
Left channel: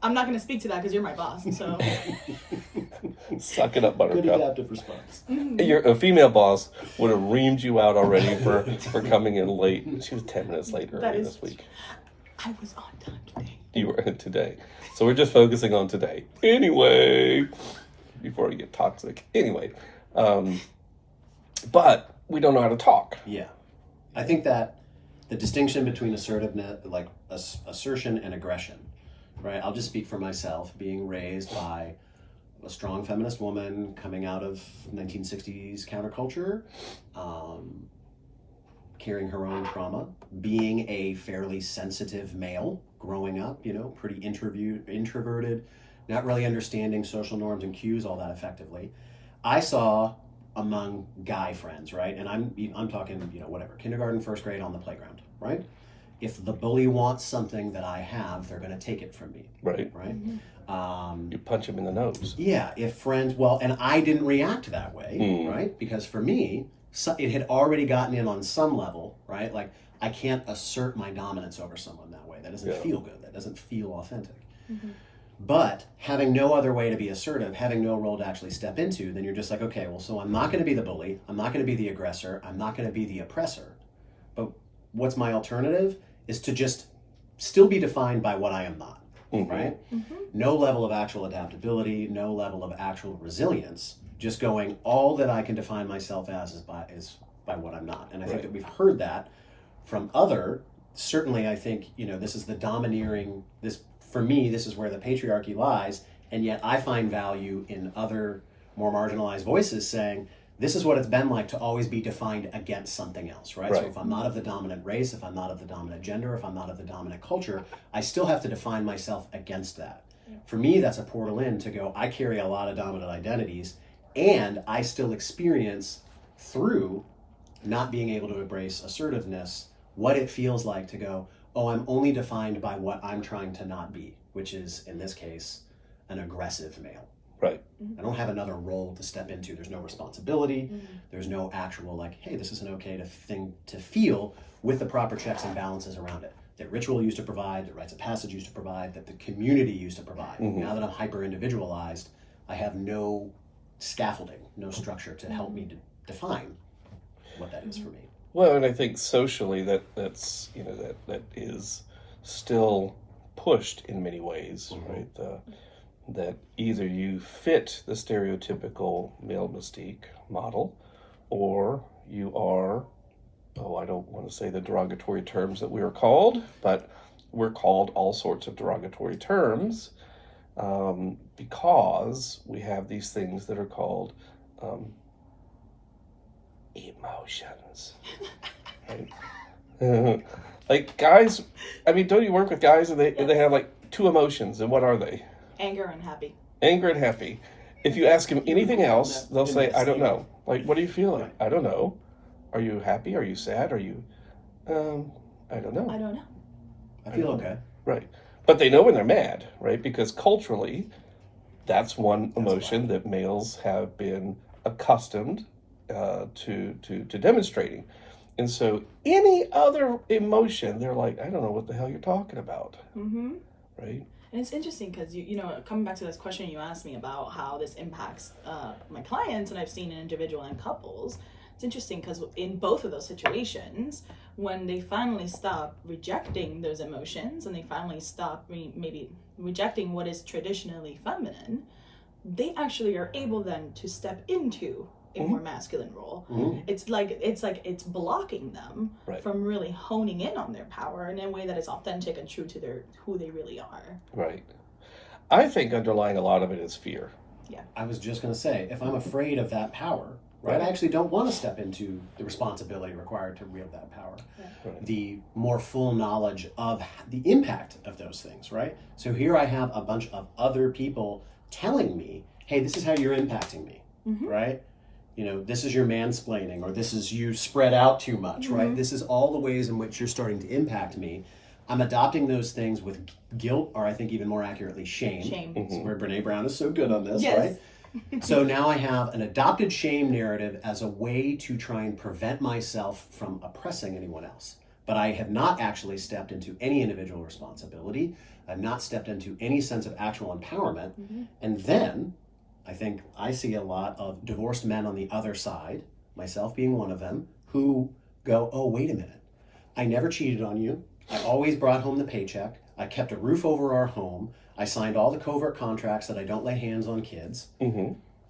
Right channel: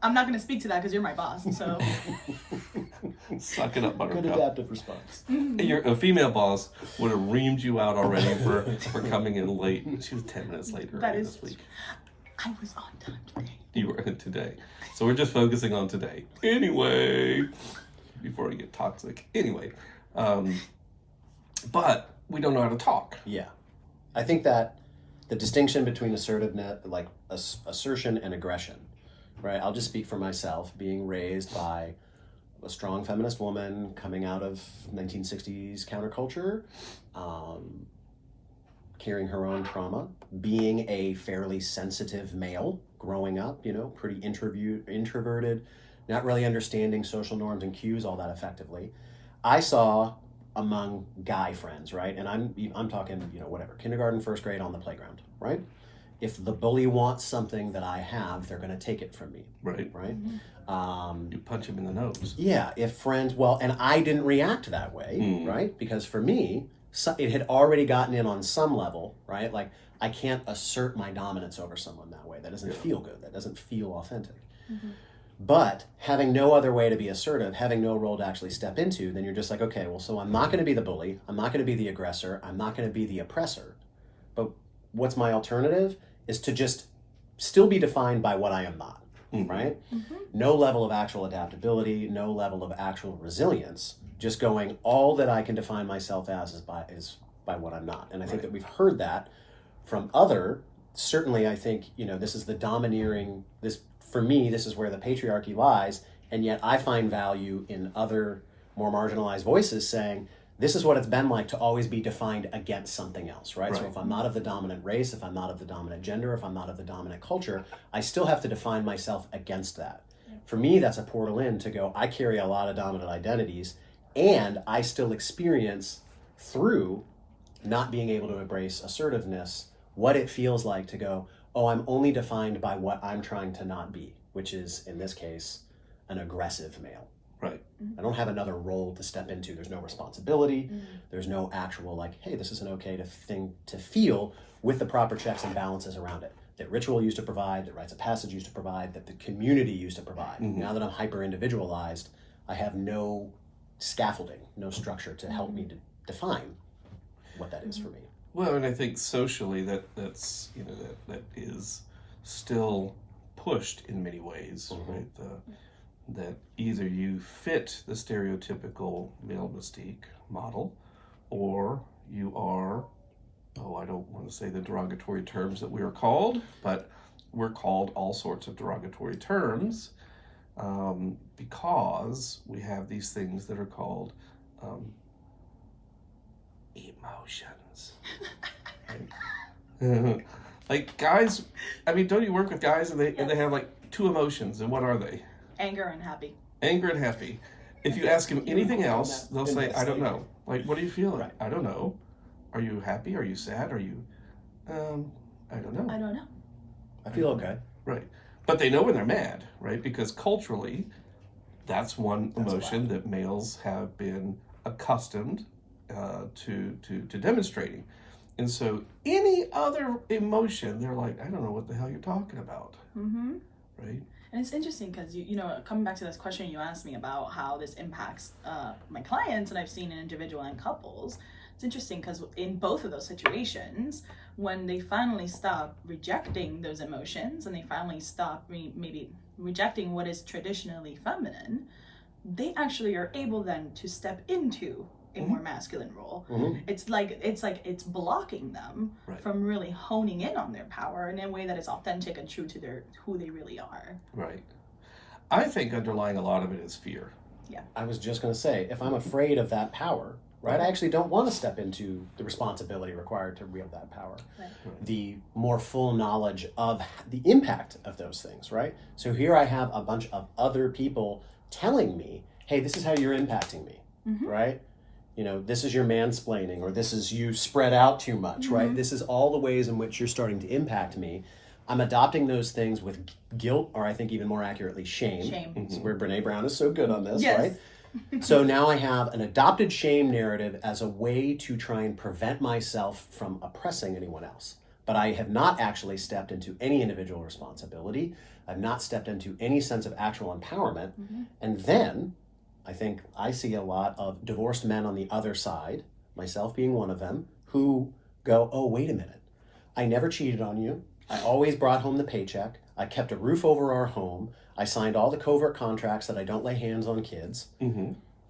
I'm not going to speak to that because you're my boss. So suck it up, Buttercup. Good adaptive response. A female boss would have reamed you out already for coming in late. She was 10 minutes late earlier this week. I was on time today. You were today. So we're just focusing on today. Anyway, before we get toxic. Anyway, but we don't know how to talk. Yeah. I think that the distinction between assertiveness, like assertion and aggression, right? I'll just speak for myself, being raised by a strong feminist woman coming out of 1960s counterculture, carrying her own trauma, being a fairly sensitive male growing up, you know, pretty introverted, not really understanding social norms and cues all that effectively. I saw among guy friends, right? And I'm talking, you know, whatever, kindergarten, first grade on the playground, right? If the bully wants something that I have, they're going to take it from me. Right. Right. You punch him in the nose. Yeah. If friends, well, and I didn't react that way, right? Because for me, it had already gotten in on some level, right? Like I can't assert my dominance over someone that way. That doesn't feel good. That doesn't feel authentic. But having no other way to be assertive, having no role to actually step into, then you're just like, okay, well, so I'm not going to be the bully. I'm not going to be the aggressor. I'm not going to be the oppressor. But what's my alternative is to just still be defined by what I am not, right? No level of actual adaptability, no level of actual resilience, just going, all that I can define myself as is by what I'm not. And I think that we've heard that from certainly I think, you know, this is the domineering, for me, this is where the patriarchy lies, and yet I find value in other more marginalized voices saying, this is what it's been like to always be defined against something else, right? So if I'm not of the dominant race, if I'm not of the dominant gender, if I'm not of the dominant culture, I still have to define myself against that. For me, that's a portal in to go, I carry a lot of dominant identities, and I still experience through not being able to embrace assertiveness, what it feels like to go, oh, I'm only defined by what I'm trying to not be, which is, in this case, an aggressive male. Right. I don't have another role to step into. There's no responsibility. There's no actual, like, hey, this is an okay thing to feel with the proper checks and balances around it. That ritual used to provide, that rites of passage used to provide, that the community used to provide. Now that I'm hyper-individualized, I have no scaffolding, no structure to help me to define what that is for me. Well, and I think socially that's you know that is still pushed in many ways, right? That either you fit the stereotypical male mystique model, or you are, I don't want to say the derogatory terms that we are called, but we're called all sorts of derogatory terms because we have these things that are called emotions. Right? Like guys, I mean, don't you work with guys and they have like two emotions, and what are they? Anger and happy. Anger and happy. If you ask them anything else, they'll say, I don't know. Like, what are you feeling? Right. I don't know. Are you happy? Are you sad? Are you, I don't know. I don't know. I feel okay. Right. But they know when they're mad, right? Because culturally, that's one emotion that males have been accustomed to demonstrating. And so any other emotion, they're like, I don't know what the hell you're talking about. Right? And it's interesting because, you know, coming back to this question you asked me about how this impacts my clients, and I've seen in individual and couples, it's interesting because in both of those situations, when they finally stop rejecting those emotions and they finally stop maybe rejecting what is traditionally feminine, they actually are able then to step into a more masculine role. It's like it's blocking them from really honing in on their power in a way that is authentic and true to who they really are. Right. I think underlying a lot of it is fear. Yeah. I was just going to say, if I'm afraid of that power, right, I actually don't want to step into the responsibility required to wield that power. Right. The more full knowledge of the impact of those things, right? So here I have a bunch of other people telling me, hey, this is how you're impacting me, right? You know, this is your mansplaining, or this is you spread out too much, right? This is all the ways in which you're starting to impact me. I'm adopting those things with guilt, or I think even more accurately, shame. Shame. This is where Brene Brown is so good on this, Yes. right? So now I have an adopted shame narrative as a way to try and prevent myself from oppressing anyone else. But I have not actually stepped into any individual responsibility. I've not stepped into any sense of actual empowerment. And then I think I see a lot of divorced men on the other side, myself being one of them, who go, oh, wait a minute. I never cheated on you. I always brought home the paycheck. I kept a roof over our home. I signed all the covert contracts that I don't lay hands on kids.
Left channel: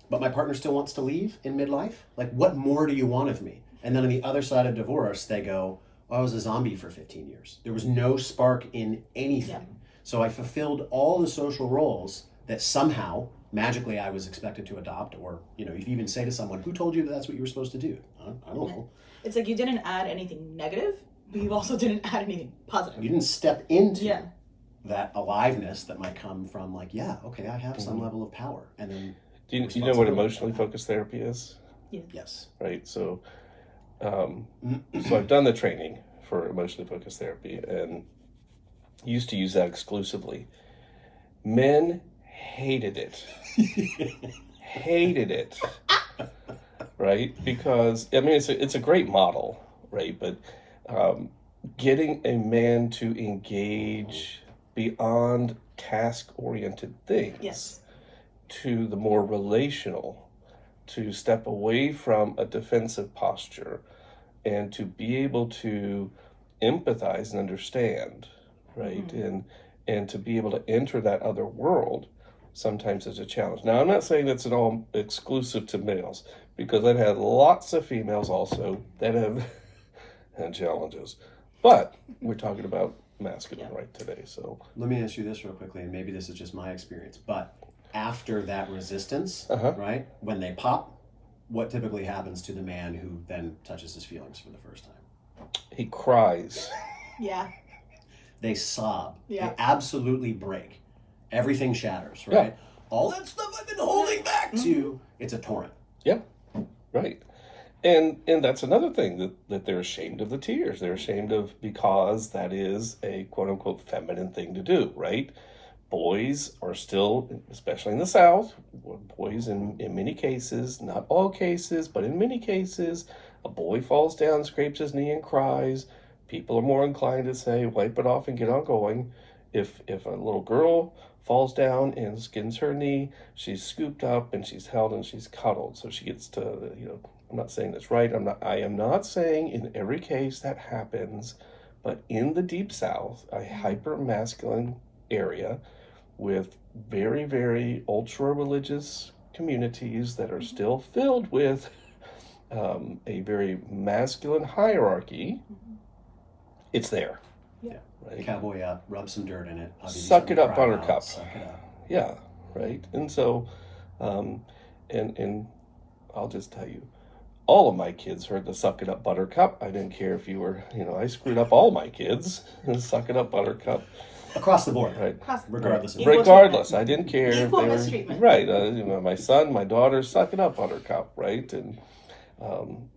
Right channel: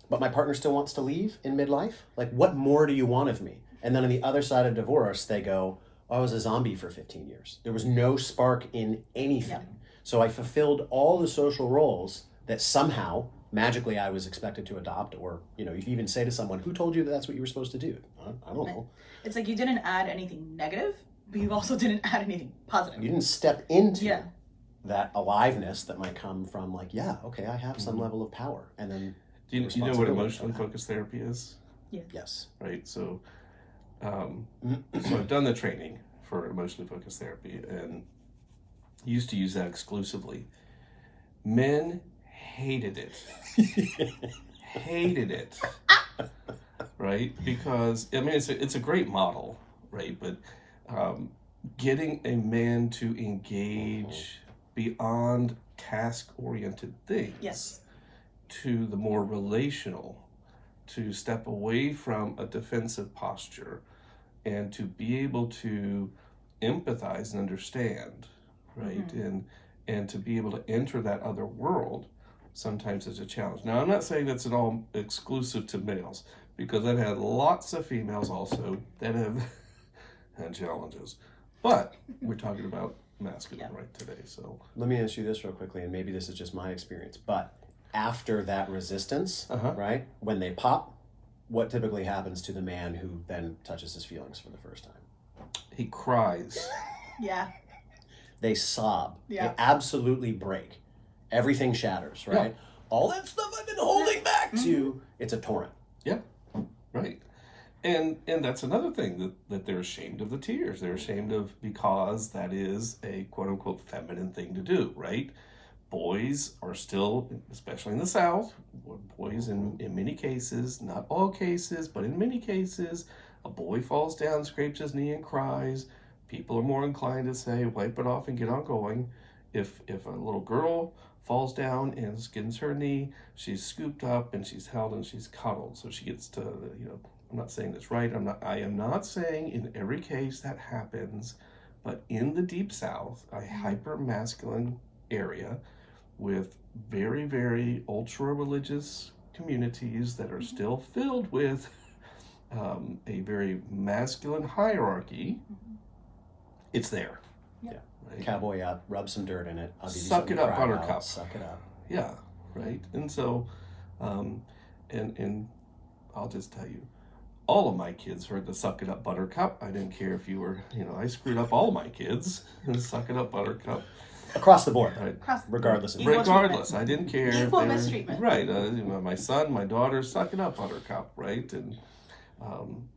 But my partner still wants to leave in midlife? Like, what more do you want of me? And then on the other side of divorce, they go, I was a zombie for 15 years. There was no spark in anything. Yeah. So I fulfilled all the social roles that somehow, magically, I was expected to adopt. Or, you know, if you even say to someone, who told you that that's what you were supposed to do? I don't know. It's like you didn't add anything negative, but you also didn't add anything positive. You didn't step into that aliveness that might come from, like, yeah, okay, I have some level of power. And then Do you know what emotionally focused therapy is? Yeah. Yes. Right. So, so I've done the training for emotionally focused therapy and used to use that exclusively. Men hated it. Hated it. Right? Because, I mean, it's a great model, right? But getting a man to engage beyond task-oriented things to the more relational, to step away from a defensive posture and to be able to empathize and understand, right? And to be able to enter that other world sometimes is a challenge. Now, I'm not saying that's at all exclusive to males, because I've had lots of females also that have had challenges. But we're talking about masculine right today, so. Let me ask you this real quickly, and maybe this is just my experience, but after that resistance, right, when they pop, what typically happens to the man who then touches his feelings for the first time? He cries. Yeah. They sob. Yeah. They absolutely break. Everything shatters, right? All that stuff I've been holding back to, it's a torrent. Yeah, right. And that's another thing, that they're ashamed of the tears. They're ashamed of, because that is a quote unquote feminine thing to do, right? Boys are still, especially in the South, boys in many cases, not all cases, but in many cases, a boy falls down, scrapes his knee and cries. People are more inclined to say, wipe it off and get on going. If a little girl falls down and skins her knee, she's scooped up and she's held and she's cuddled. So she gets to, I'm not saying that's right. I am not saying in every case that happens, but in the Deep South, a hyper-masculine area with very, very ultra-religious communities that are still filled with a very masculine hierarchy, it's there. Yeah. Right? Cowboy up, rub some dirt in it. Suck it up, buttercup. Suck it up. Yeah, right. And so, and I'll just tell you, all of my kids heard the suck it up, buttercup. I didn't care if you were, I screwed up all my kids. Suck it up, buttercup. Across the board, right? Regardless. Equal Regardless, treatment. I didn't care if Equal they were mistreatment. right. My son, my daughter, suck it up, buttercup, right? And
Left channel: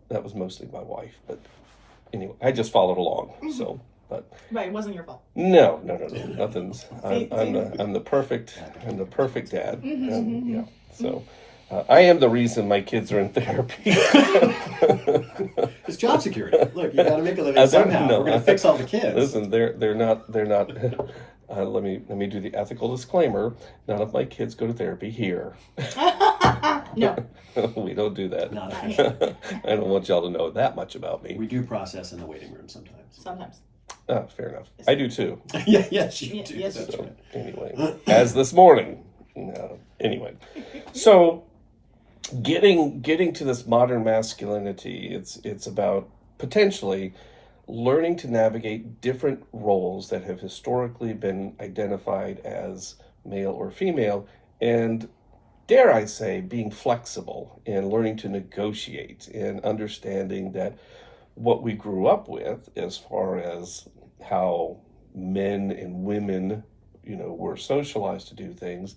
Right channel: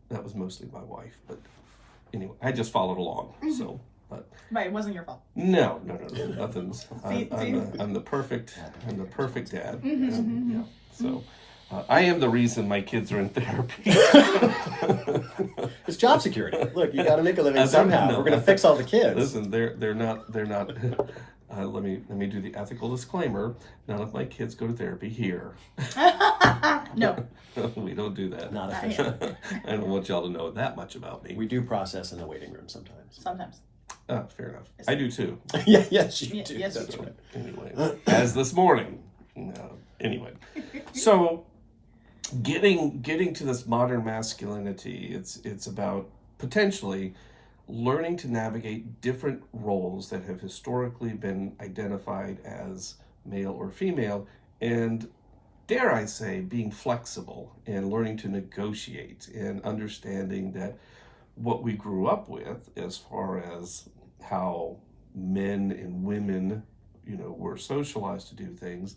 that was mostly my wife, but anyway, I just followed along. So, but Right, it wasn't your fault. no, nothing's. I'm the perfect dad. And, yeah, so. I am the reason my kids are in therapy. It's job security. Look, you got to make a living somehow. We're going to fix all the kids. Listen, they're not. Let me do the ethical disclaimer. None of my kids go to therapy here. No. We don't do that. Not official. I don't want y'all to know that much about me. We do process in the waiting room sometimes. Sometimes. Fair enough. I do too. Yes, you do. Yes, That's you do. right. Anyway, as this morning. Anyway, so getting to this modern masculinity, it's about potentially learning to navigate different roles that have historically been identified as male or female, and dare I say, being flexible and learning to negotiate and understanding that what we grew up with as far as how men and women, were socialized to do things,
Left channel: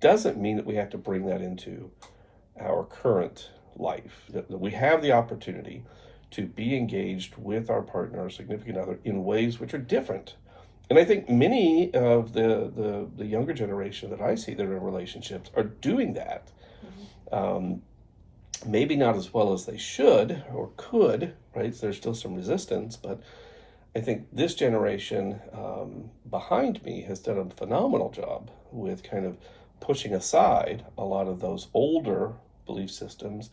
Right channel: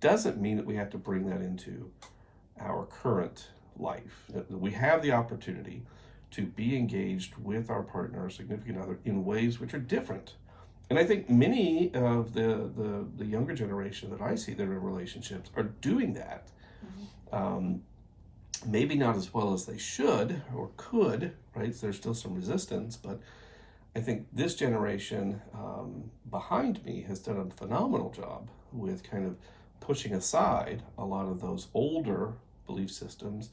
doesn't mean that we have to bring that into our current life. That we have the opportunity to be engaged with our partner or significant other in ways which are different. And I think many of the younger generation that I see that are in relationships are doing that. Maybe not as well as they should or could, right? So there's still some resistance, but I think this generation behind me has done a phenomenal job with kind of pushing aside a lot of those older belief systems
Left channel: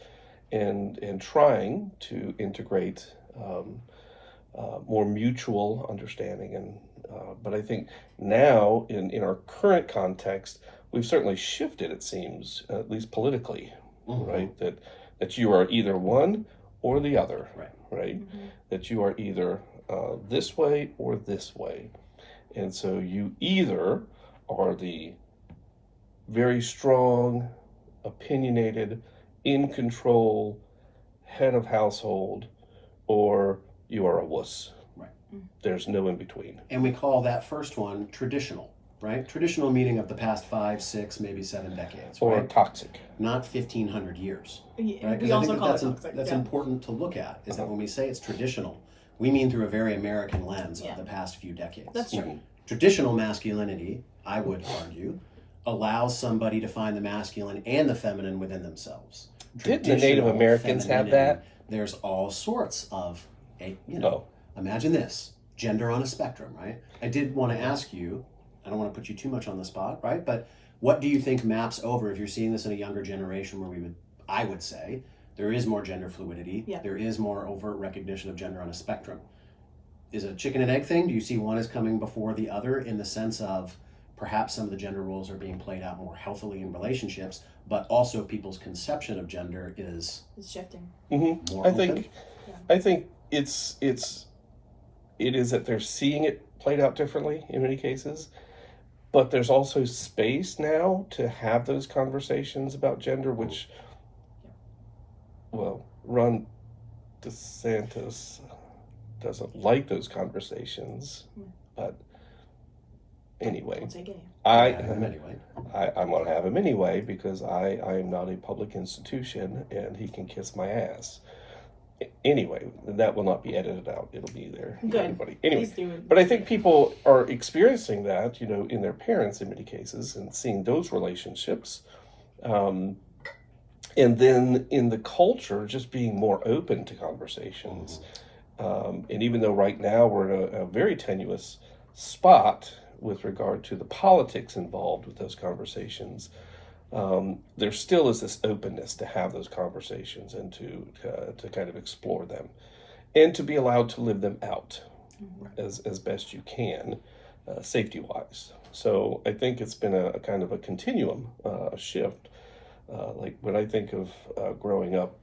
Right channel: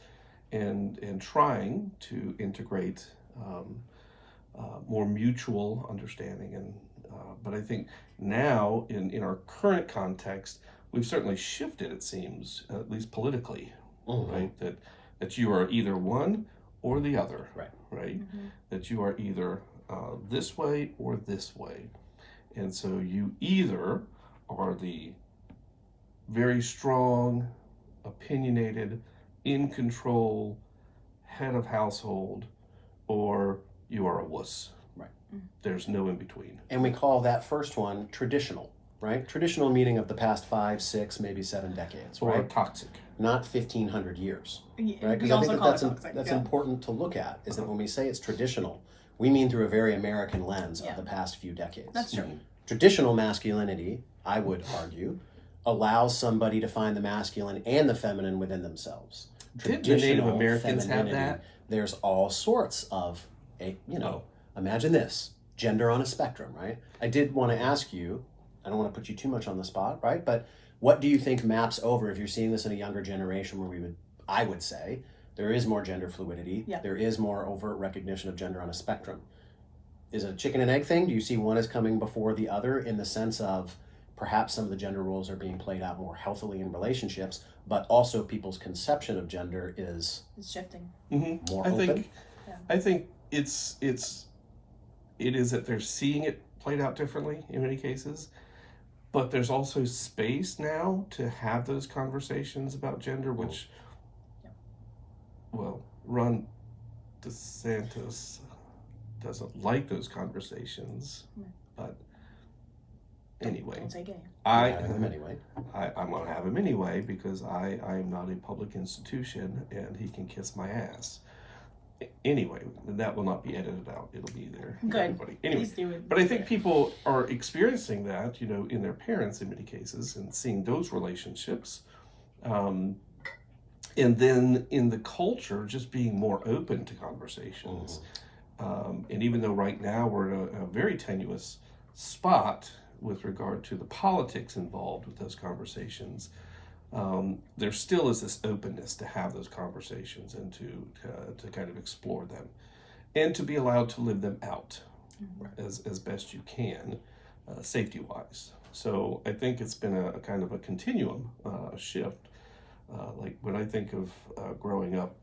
and trying to integrate more mutual understanding. And but I think now in our current context, we've certainly shifted, it seems, at least politically, right? That you are either one or the other, right? That you are either this way or this way. And so you either are the very strong, opinionated, in control head of household, or you are a wuss. There's no in between. And we call that first one traditional, right? Traditional meaning of the past 5, 6, maybe 7 decades, or right? Toxic. Not 1,500 years, Yeah, right? we I also think call that's it toxic. that's important to look at, is that when we say it's traditional, we mean through a very American lens of the past few decades. That's true. Traditional masculinity, I would argue, allows somebody to find the masculine and the feminine within themselves. Didn't the Native Americans have that? There's all sorts of, imagine this, gender on a spectrum, right? I did want to ask you, I don't want to put you too much on the spot, right? But what do you think maps over if you're seeing this in a younger generation where I would say, there is more gender fluidity, there is more overt recognition of gender on a spectrum. Is it a chicken and egg thing? Do you see one as coming before the other in the sense of perhaps some of the gender roles are being played out more healthily in relationships, but also people's conception of gender is shifting. More open? I think it is that they're seeing it played out differently in many cases, but there's also space now to have those conversations about gender, which, well, Ron DeSantis doesn't like those conversations, but anyway, I'm going to have him anyway because I am not a public institution and he can kiss my ass. Anyway, that will not be edited out. It'll be there for everybody. Anyway, but I think people are experiencing that, in their parents in many cases and seeing those relationships. And then in the culture, just being more open to conversations. And even though right now we're in a very tenuous spot with regard to the politics involved with those conversations, there still is this openness to have those conversations and to kind of explore them and to be allowed to live them out as best you can, safety-wise. So I think it's been a kind of a continuum, a shift. Like when I think of growing up,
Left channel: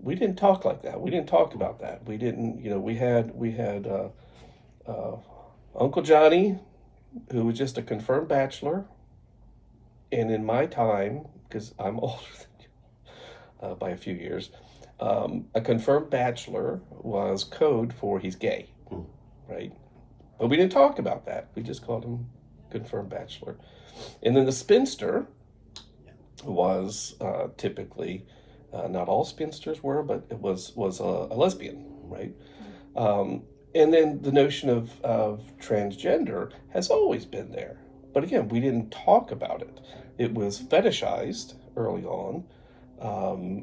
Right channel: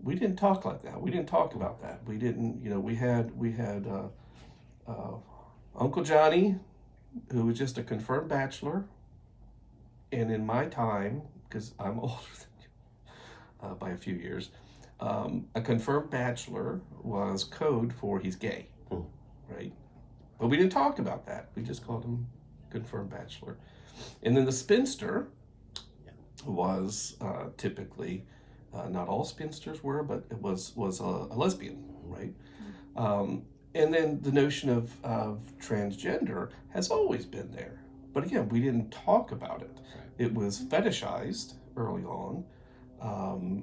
we didn't talk like that. We didn't talk about that. We didn't, we had Uncle Johnny, who was just a confirmed bachelor. And in my time, because I'm older than you by a few years, a confirmed bachelor was code for he's gay, right? But we didn't talk about that. We just called him confirmed bachelor. And then the spinster was typically, not all spinsters were, but it was a lesbian, right? And then the notion of transgender has always been there. But again, we didn't talk about it. It was fetishized early on.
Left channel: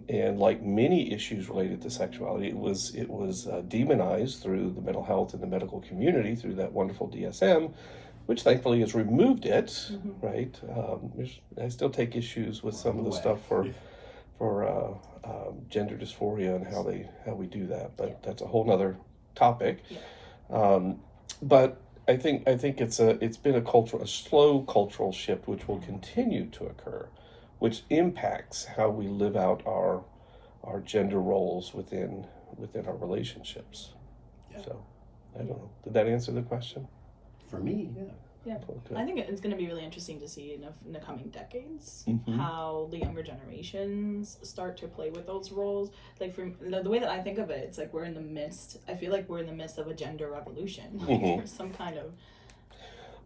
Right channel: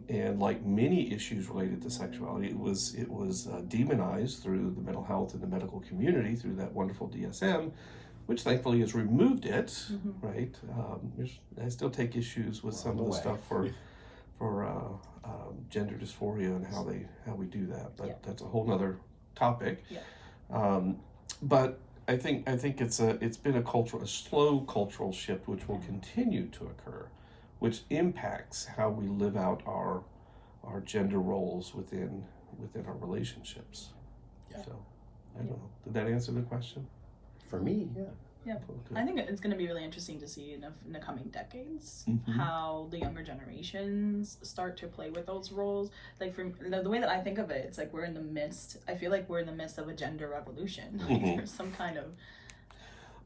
And like many issues related to sexuality, it was demonized through the mental health and the medical community through that wonderful DSM, which thankfully has removed it, right? I still take issues with some of the stuff for gender dysphoria and how we do that, but that's a whole nother topic. But I think it's been a slow cultural shift which will continue to occur, which impacts how we live out our gender roles within our relationships. Yeah. So I don't know. Did that answer the question? For me, yeah. Yeah, Okay. I think it's going to be really interesting to see in the coming decades Mhm. how the younger generations start to play with those roles. Like for the way that I think of it, it's like we're in the midst. I feel like we're in the midst of a gender revolution, Mhm. or some kind of.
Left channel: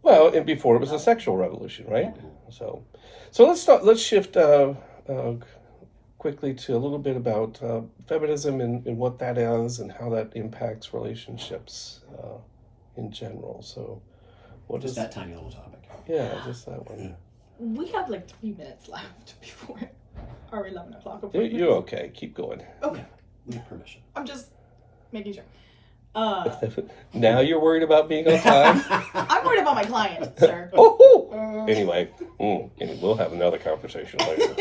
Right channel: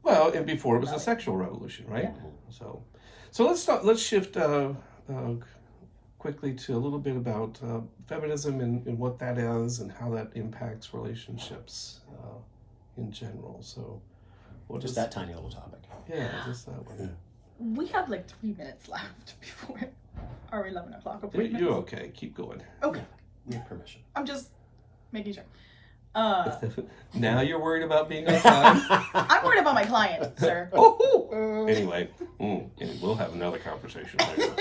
Well, and before it was a sexual revolution, right? Yeah. So let's shift quickly to a little bit about feminism and what that is and how that impacts relationships in general. So, what Just is that tiny little topic. Yeah, just that one. We have like 3 minutes left before our 11 o'clock Yeah. appointment. You're okay. Keep going. Okay, With permission. I'm just making sure. Now you're worried about being on time. I'm worried about my client, sir. Oh, anyway, and we'll have another conversation later.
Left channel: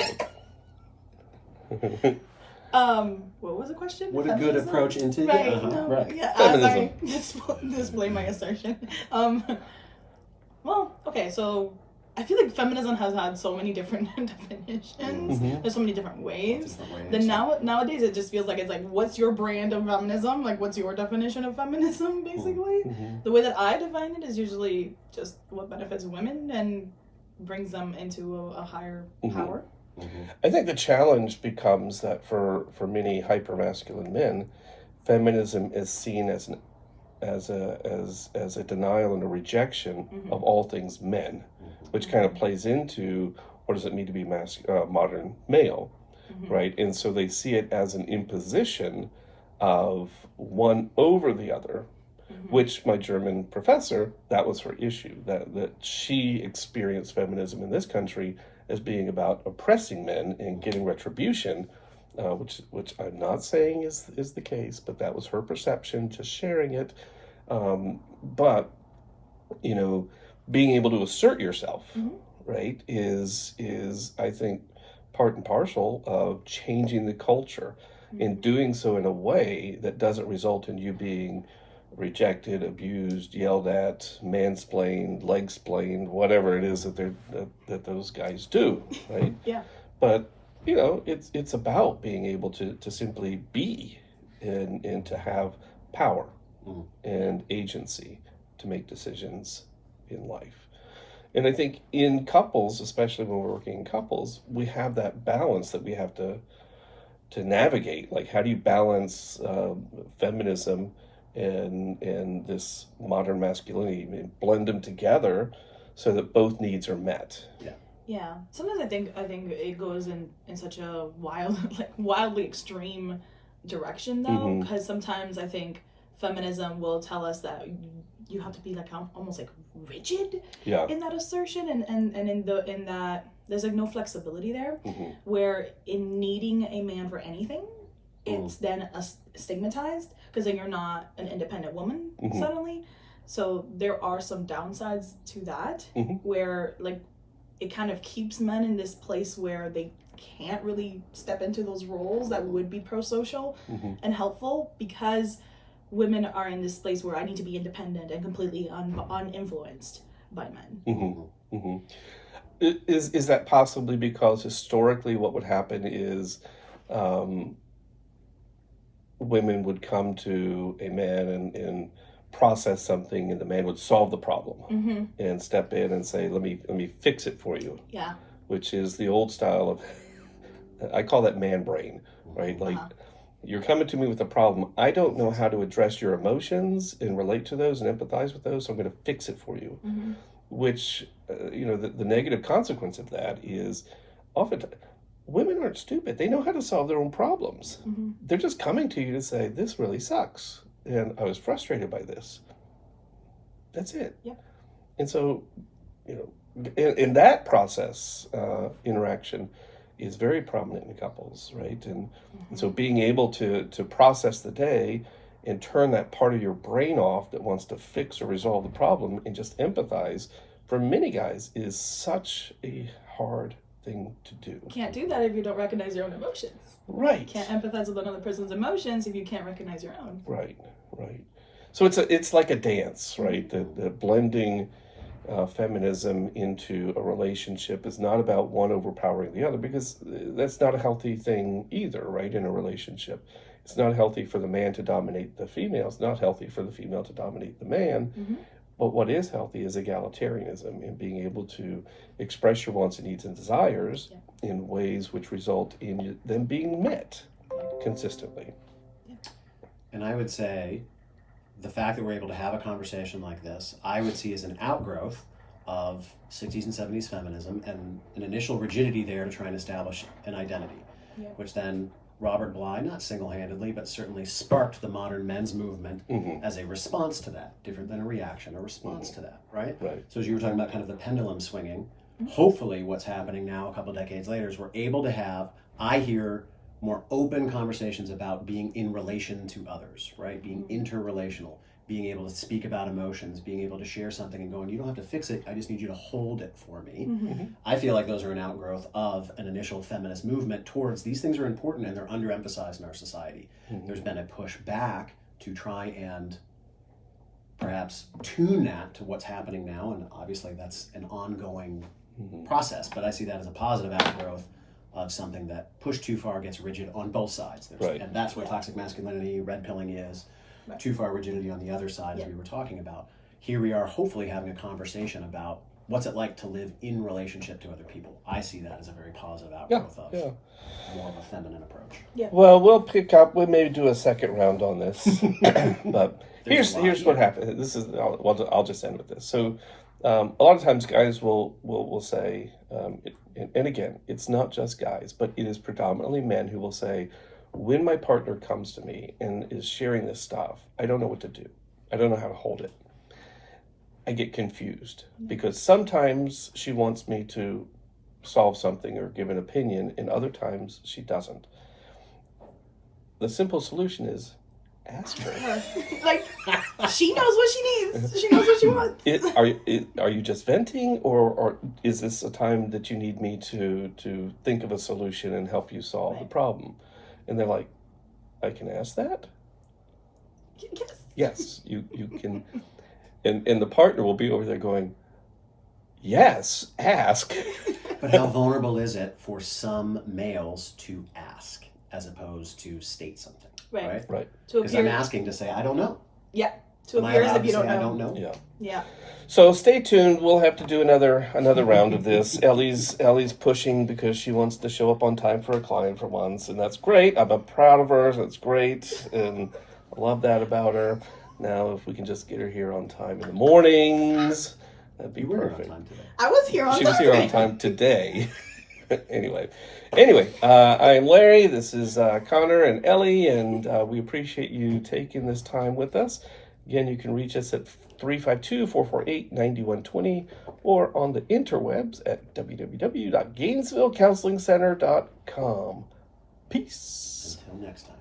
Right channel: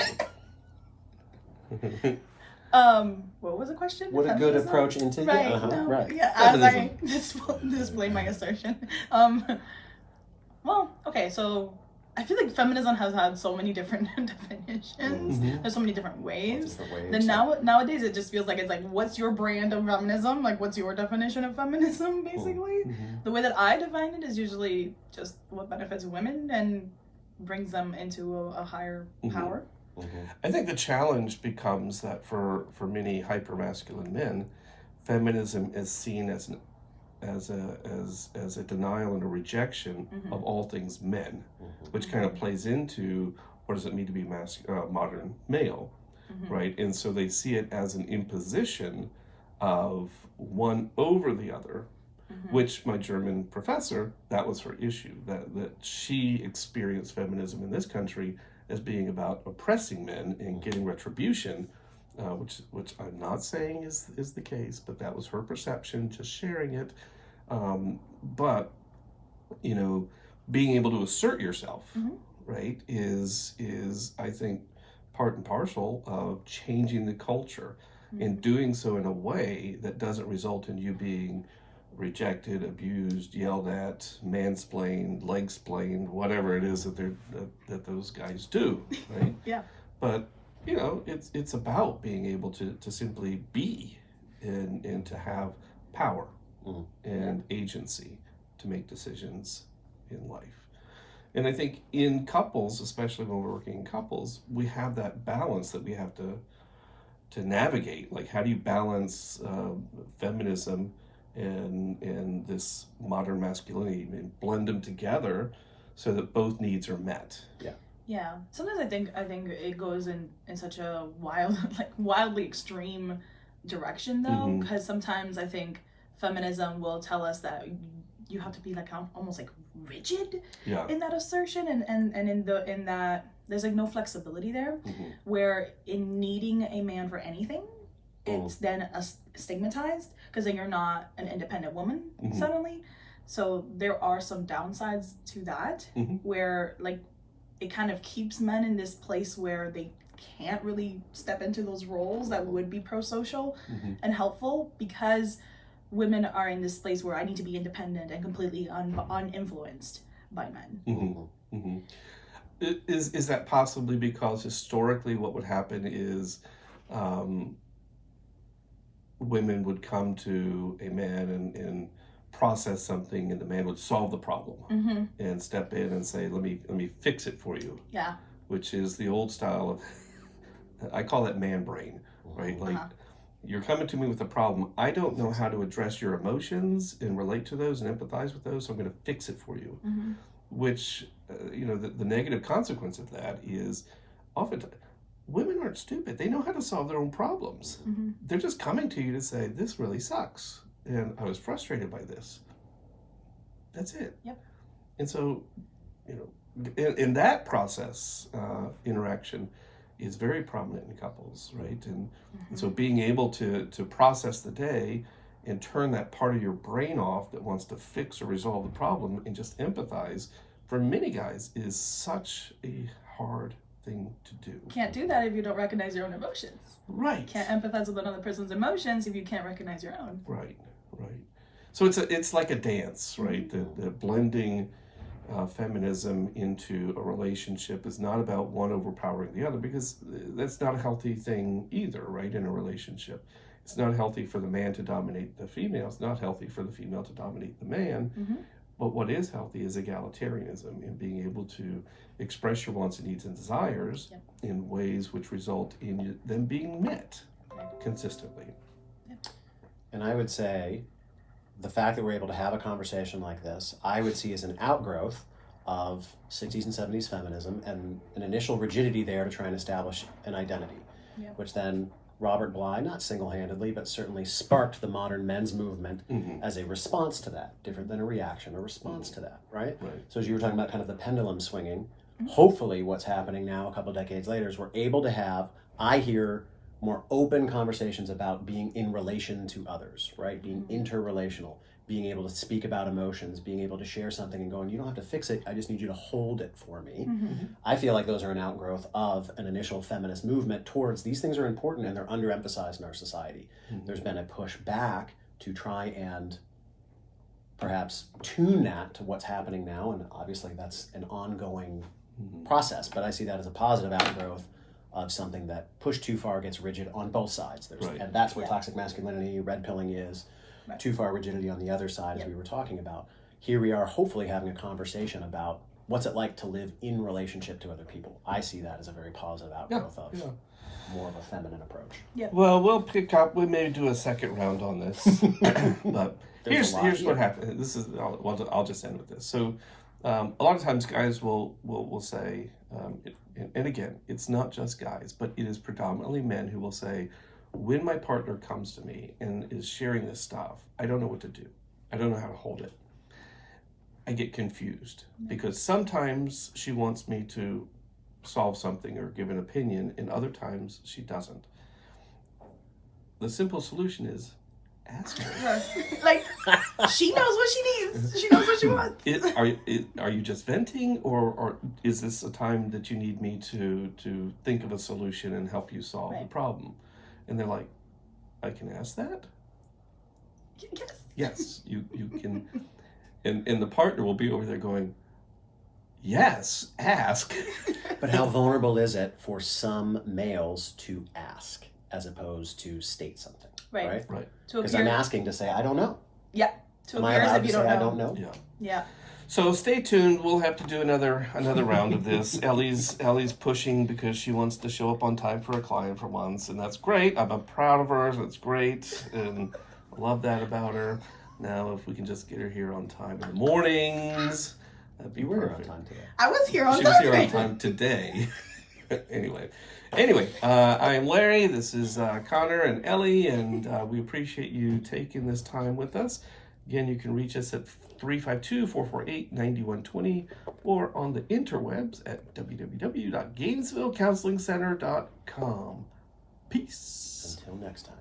What was the question? What a good Feminism? approach into Right. Uh-huh. Right. Yeah. Feminism. Sorry. Display my assertion. Well, okay. So I feel like feminism has had so many different definitions. Mhm. There's so many different ways. Different ways. Then nowadays it just feels like it's like, what's your brand of feminism? Like, what's your definition of feminism? Basically, Mhm. the way that I define it is usually just what benefits women and brings them into a higher Mhm. power. I think the challenge becomes that for many hypermasculine men, feminism is seen as a denial and a rejection Mhm. of all things men, which kind of plays into what does it mean to be modern male, Mhm. right? And so they see it as an imposition of one over the other, Mhm. which my German professor, that was her issue, that she experienced feminism in this country as being about oppressing men and getting retribution, which I'm not saying is the case, but that was her perception, just sharing it. But being able to assert yourself, Mhm. right, is I think part and parcel of changing the culture, and doing so in a way that doesn't result in you being rejected, abused, yelled at, mansplained, leg-splained, whatever it is that those guys do, right? Yeah. But it's about being able to simply be and to have power Mhm. and agency to make decisions in life. And I think in couples, especially when we're working in couples, we have that balance that we have to navigate. Like, how do you balance feminism and this modern masculinity and blend them together so that both needs are met? Yeah. Sometimes I think it goes in such a wildly extreme direction though, Mhm. because sometimes I think feminism will tell us that you have to be like almost like rigid Yeah. in that assertion, and in that there's like no flexibility there, Mhm. where in needing a man for anything, it's then stigmatized because then you're not an independent woman Mhm. suddenly. So there are some downsides to that, Mhm. where like it kind of keeps men in this place where they can't really step into those roles that would be pro-social Mhm. and helpful, because women are in this place where I need to be independent and completely uninfluenced by men. Mhm. Mhm. Is that possibly because historically what would happen is um, women would come to a man and process something, and the man would solve the problem Mm-hmm. and step in and say, let me fix it for you, Yeah. which is the old style of I call that man brain, right? Like, you're coming to me with a problem. I don't know how to address your emotions and relate to those and empathize with those, so I'm going to fix it for you. Mm-hmm. Which, the negative consequence of that is often women aren't stupid. They know how to solve their own problems. Mm-hmm. They're just coming to you to say, this really sucks, and I was frustrated by this. That's it. Yep. And so, in that process, interaction is very prominent in couples, right? And so being able to process the day and turn that part of your brain off that wants to fix or resolve the problem and just empathize, for many guys, is such a hard thing to do. Can't do that if you don't recognize your own emotions. Right. Can't empathize with another person's emotions if you can't recognize your own. Right. So it's like a dance, right? The blending feminism into a relationship is not about one overpowering the other, because that's not a healthy thing either, right? In a relationship, it's not healthy for the man to dominate the female. It's not healthy for the female to dominate the man. Mm-hmm. But what is healthy is egalitarianism, and being able to express your wants and needs and desires in ways which result in them being met consistently. And I would say the fact that we're able to have a conversation like this, I would see as an outgrowth of 60s and 70s feminism and an initial rigidity there to try and establish an identity, which then Robert Bly, not single-handedly, but certainly sparked the modern men's movement as a response to that, different than a reaction, a response to that, right? Right. So as you were talking about kind of the pendulum swinging, hopefully what's happening now a couple decades later is we're able to have, I hear, more open conversations about being in relation to others, right? Being interrelational, being able to speak about emotions, being able to share something and going, you don't have to fix it, I just need you to hold it for me. I feel like those are an outgrowth of an initial feminist movement towards these things are important and they're underemphasized in our society. There's been a push back to try and perhaps tune that to what's happening now, and obviously that's an ongoing process, but I see that as a positive outgrowth of something that pushed too far gets rigid on both sides. And that's what toxic masculinity, red pilling is, too far rigidity on the other side, as we were talking about. Here we are hopefully having a conversation about what's it like to live in relationship to other people. I see that as a very positive outgrowth of more of a feminine approach. Well, we'll pick up, we may do a second round on this, but here's what happened. This is, I'll just end with this. So a lot of times guys will say, and again, it's not just guys, but it is predominantly men who will say, when my partner comes to me and is sharing this stuff, I don't know what to do. I don't know how to hold it. I get confused because sometimes she wants me to solve something or give an opinion, and other times she doesn't. The simple solution is ask her. Like, she knows what she needs. She knows what she wants. Are you just venting, or is this a time that you need me to think of a solution and help you solve the problem? And they're like, I can ask that? Yes, you can. And the partner will be over there going, yes, ask. But how vulnerable is it for some males to ask as opposed to state something? Right. Because I'm asking to say, I don't know. Yeah. To Am I appear as allowed if to you say don't know. I don't know? Yeah. So stay tuned. We'll have to do another round of this. Ellie's pushing because she wants to show up on time for a client for once, and that's great. I'm proud of her. That's great, and I love that about her. Now, if we can just get her here on time in the mornings, that'd be perfect. On time today. I was here on time. She was here on time today. Anyway, I am Larry. This is Connor and Ellie, and we appreciate you taking this time with us. Again, you can reach us at 352-448-9120 or on the interwebs at www.gainesvillecounselingcenter.com. Peace. Until next time.